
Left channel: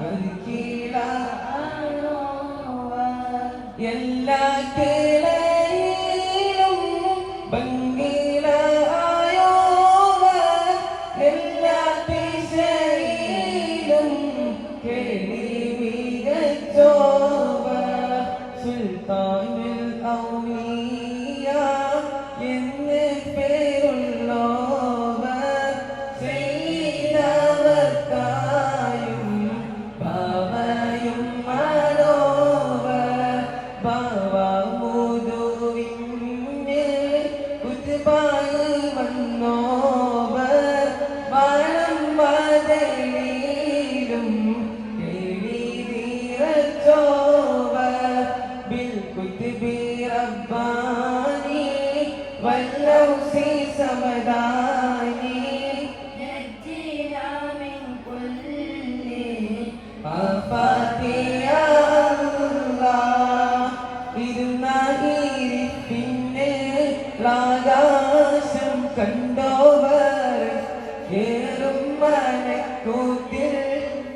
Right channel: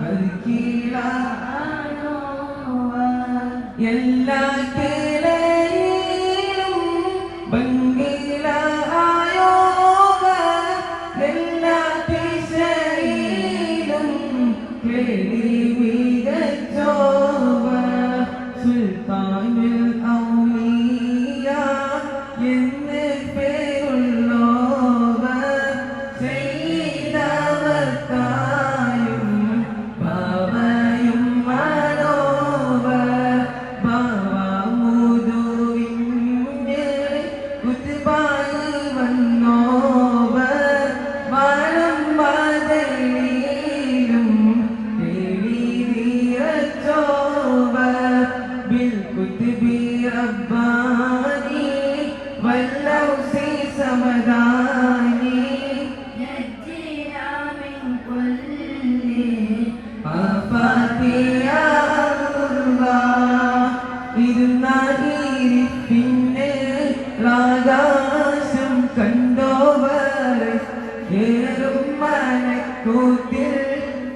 വർക്കീല എല്ലാ കിളയിലും ഭംഗില ആയോവ എല്ലാ ദിശയിലും കേളി മികച്ചോവ സുൽത്താനുൽ ഔലിയ എന്ന് പേരുള്ളോവർ ചെയ്തവർക്കായും ബാബയും മാനോവർ ബാബാമുദുവിൻ്റെ കുത്തുബായി വന്നോവർ വാനം വാതിലിലും കേളി നിറച്ചോവർ ബിൽ കുത്തുബി റബ്ബാനി വല്ലൗസി സമദാനി പിന്നെ ആകാശം കണ്ടോവർ ഏറും മനക്കൂത്തിൽ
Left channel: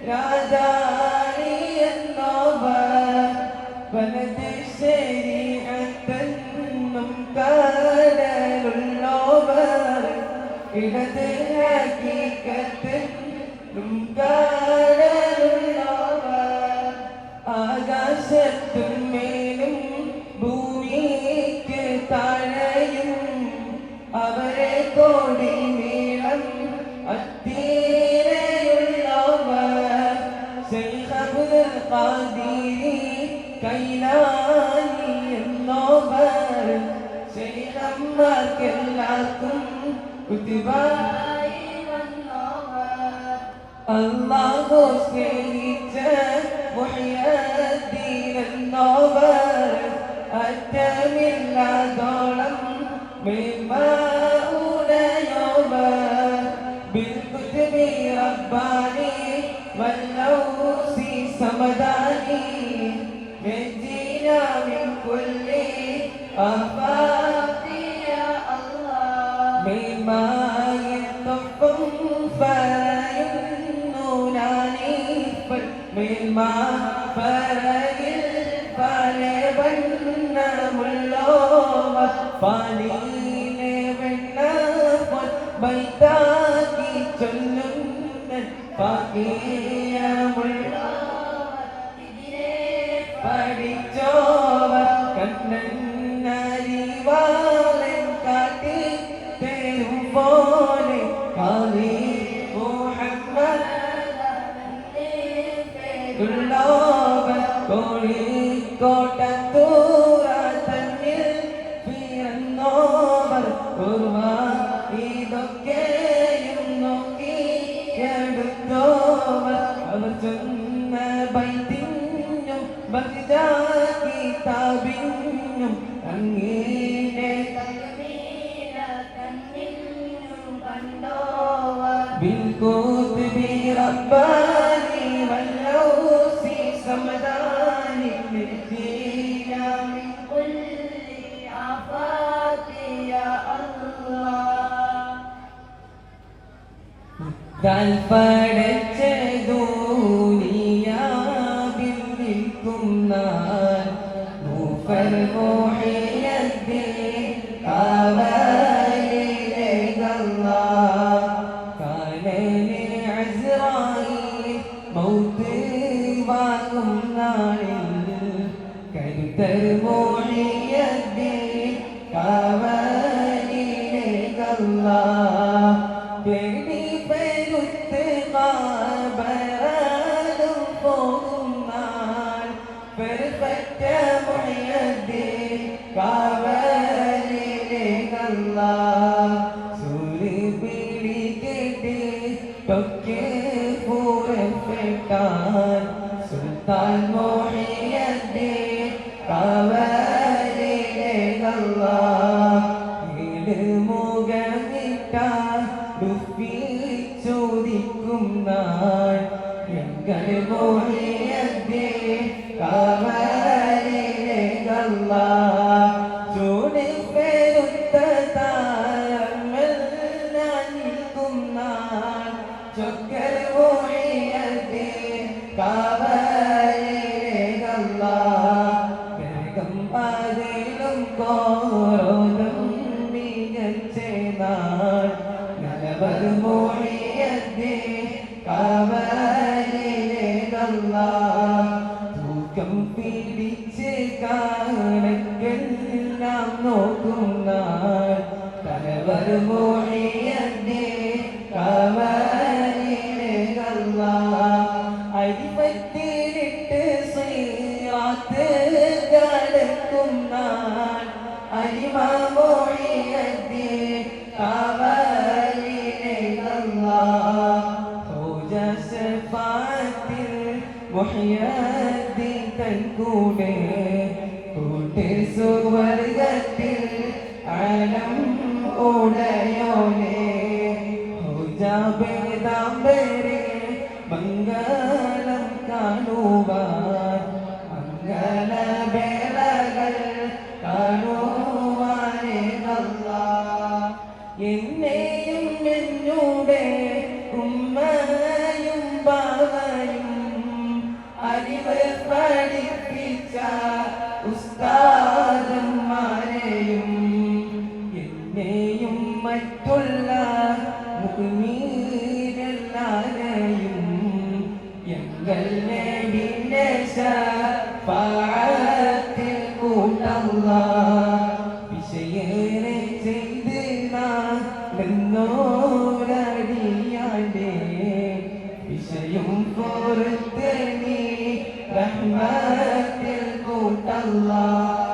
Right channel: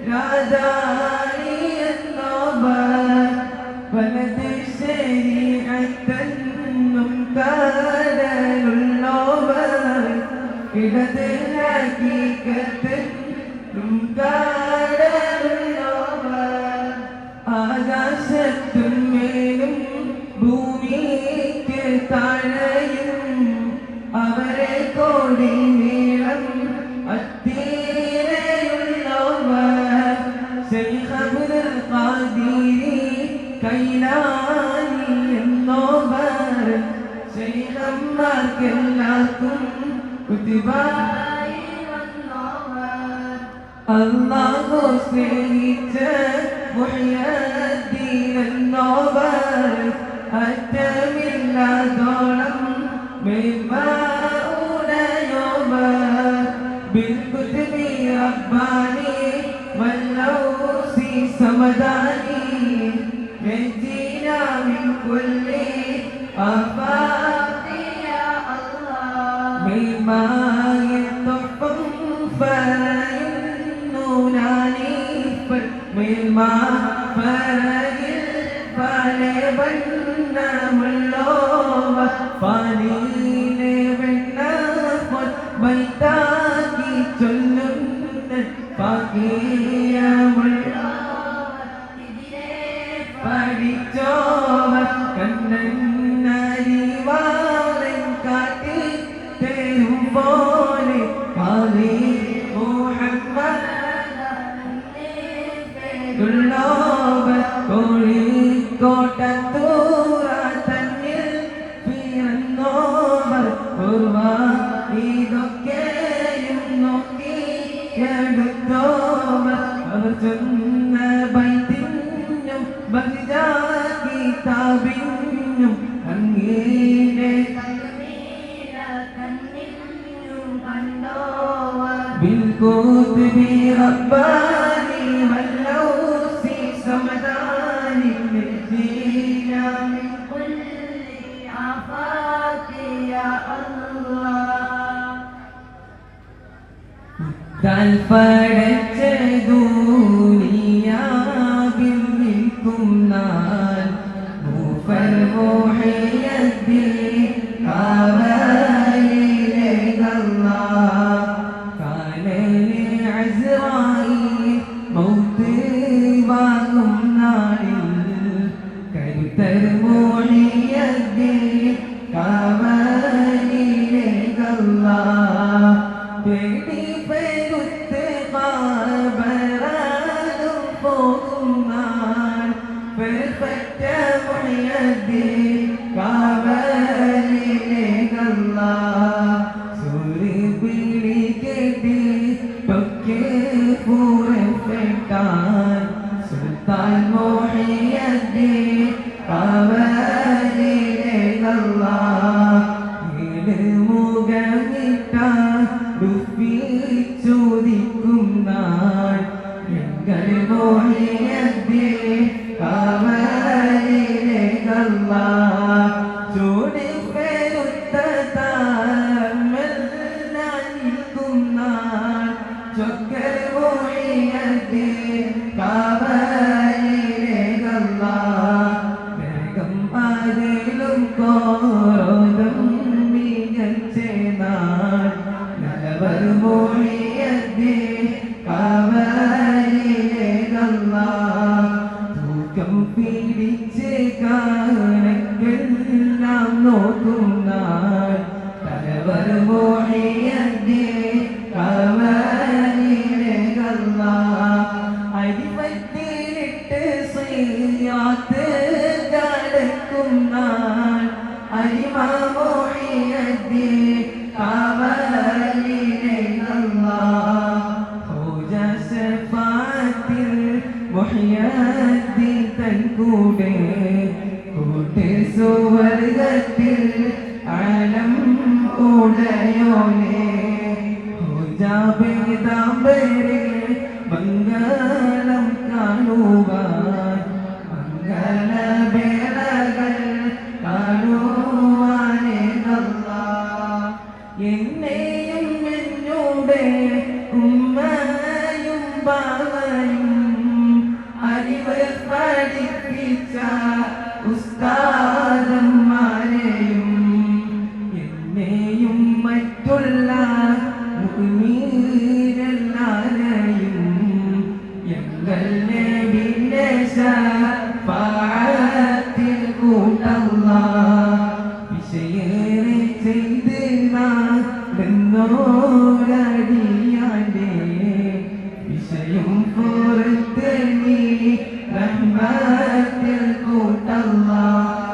രാജാണി എന്നോവർ വലത് ശരീരത്തെന്നും കാടലുള്ളോവർ ഇടത് ഹഖീഖത്തെന്നും കാടലുള്ളോവർ ആകാശത്തും മേലും ഭൂമിക്ക് താഴെയും അവരെ കോടി നീളം അത്തീരയുള്ളവർ ശൈഖ് അബ്ദുൽ ഖാദിരി കൈലാനി എന്നോവർ ശൈഖന്മാർക്കെല്ലാവർക്കും കുത്തുബായി വന്നോവർ അല്ലാഹു സ്നേഹിച്ച മുഹയ്യദ്ദീൻ എന്നോവർ അറ്റമില്ലാതോളം മേന്മയുടയോവർ ബിൽ കുത്തുബി റബ്ബാനി വല്ലൗസി സമദാനി നജീനാ മിൻ കുല്ലി ആഫാഖി യാ അല്ലാഹ് മേന്മയൊപ്പം പറയുന്നൂനാനി മേന്മ പറയിൽ പല വണ്ണമുള്ളോവ പനിയിലെ വെണ്ണ വൈതാക്കി ചൊല്ലുന്ന പാകിയമുള്ള പഠിച്ചോവർ കണ്ണന്നരിവാളൻ കാട്ടി തരും പോലെ പാലി മുഹമ്മദ് ഉള്ളോവർ കോഴിക്കോട്ടത്തൂറ തന്നിൽ പിറന്നോവർ പൂർവ ഇതൊക്കെയും നോക്കി എടുത്തോവർ അവർ ചെന്ന ബൈത്തിനും ബഹിജാക്കി താപിനും അങ്ങീനെ بالقطب رباني واللوسي سمداني نجينا من كل آفات يا الله താൽപ്പടച്ച ദുനിയാവിൽ നിൽക്കുന്നാൽ മൂപ്പർ മുഹയ്യദ്ദീൻ കാവലിലേകല്ലാഹ് കാലനെ അസ്റായീൽ മൗത്ത് വാങ്ങും നാളിൽ കരുത്തർ മുഹയ്യദ്ദീൻ കാവലിലേകല്ലാഹ് പേടി പെരുത്ത് കാബറാലും പോകും നാൾ പെരുപ്പറ്റ മുഹയ്യദ്ദീൻ കാവലിലേകല്ലാഹ് കോരോദം മികച്ചേനാൾ നലവർ മൊഴിയതേ കാവലിലേകല്ല തൂക്കം പിടിച്ച് കാണക്കെല്ലാം നോക്കുന്നാൾ നലവർ മൊഴിയതേ കാവലിലേകല്ല അരിമത്തിലിട്ട് ശ്രീയാത്ത് കടക്കുന്നാൾ അരിമൊഴിയതേ കാവലിലേകല്ല ഹോജസ്ഫാത്തിൽ മുഹ്യദ്ദീൻ തൻ കൂടെ കൂട്ടി സുവർഗത്തിൽ ആലം ഉടയോനെ ഹോജാബേദാംബരെ മംഗളം കാണുവാൻ മംഗളവേളകൾ കാണുവാനേകല്ല എന്നെയും എന്നോടെ ഉമ്മയും ബാവയും അറിവ് പഠിപ്പിച്ച ഉസ്താദന്മാരെയും എന്നെയും മറ്റുള്ള മുഅ്മിനീങ്ങളെയും ഞങ്ങൾ നബിയുടെ ശഫാഅത്തിൽ കൂട്ടല്ലാഹ് വിശയേറെ ചെയ്ത് നിന്നോരടിയാന്റെ വിഷയം പുറത്ത് നീ റഹ്മത്തിൽ കൂട്ടല്ലാഹ്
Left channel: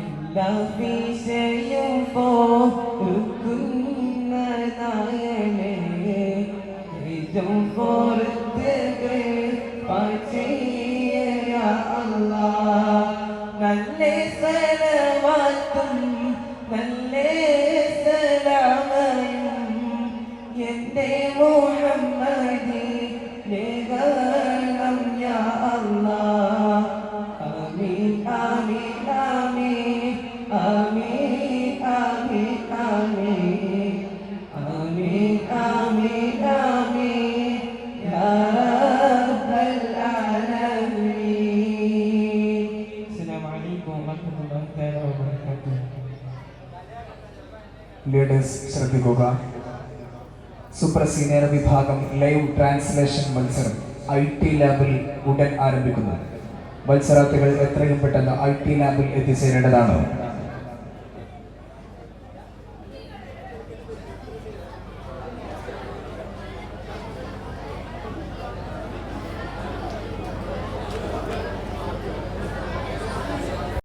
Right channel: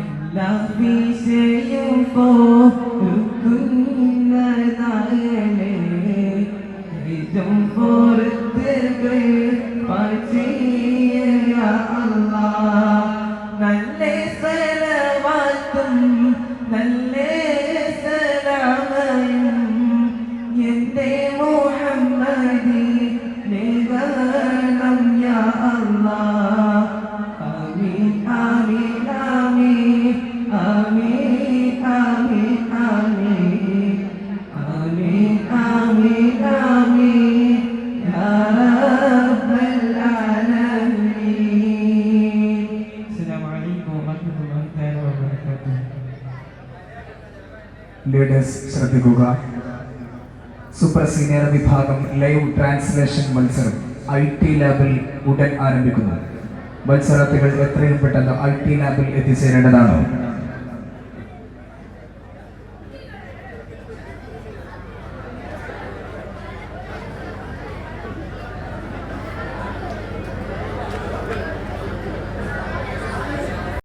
എല്ലാ വിഷയം പോരുക്കുന്നതായനെ ഏറ്റവും പുറത്ത് നല്ല സലവാത്തും നല്ല സലാമയും എന്റെ മുഹമ്മദി നിഗണം യാ അല്ലാഹ് ആമീൻ ആമീൻ ആമീൻ ആമീൻ ആമീൻ ആമീൻ ആമീൻ ആമീൻ ആമീൻ യാ റബ്ബൽ ആലമീൻ. അസ്സലാമു അലൈക്കും വറഹ്മത്തുള്ളാഹി വബറകാതുഹു. ലീഡേഴ്സ് ശ്രദ്ധിക്കുക. സൂപ്പർ സീനിയർ വിഭാഗം ലൈവ് ട്രാൻസ്ലേഷൻ മത്സരം IT ലാബിൽ ഉടൻ ആരംഭിക്കുന്നു. മത്സരാർത്ഥികൾ എത്രയും പെട്ടെന്ന് IT ലാബിൽ എത്തിച്ചേരേണ്ടതാണ്.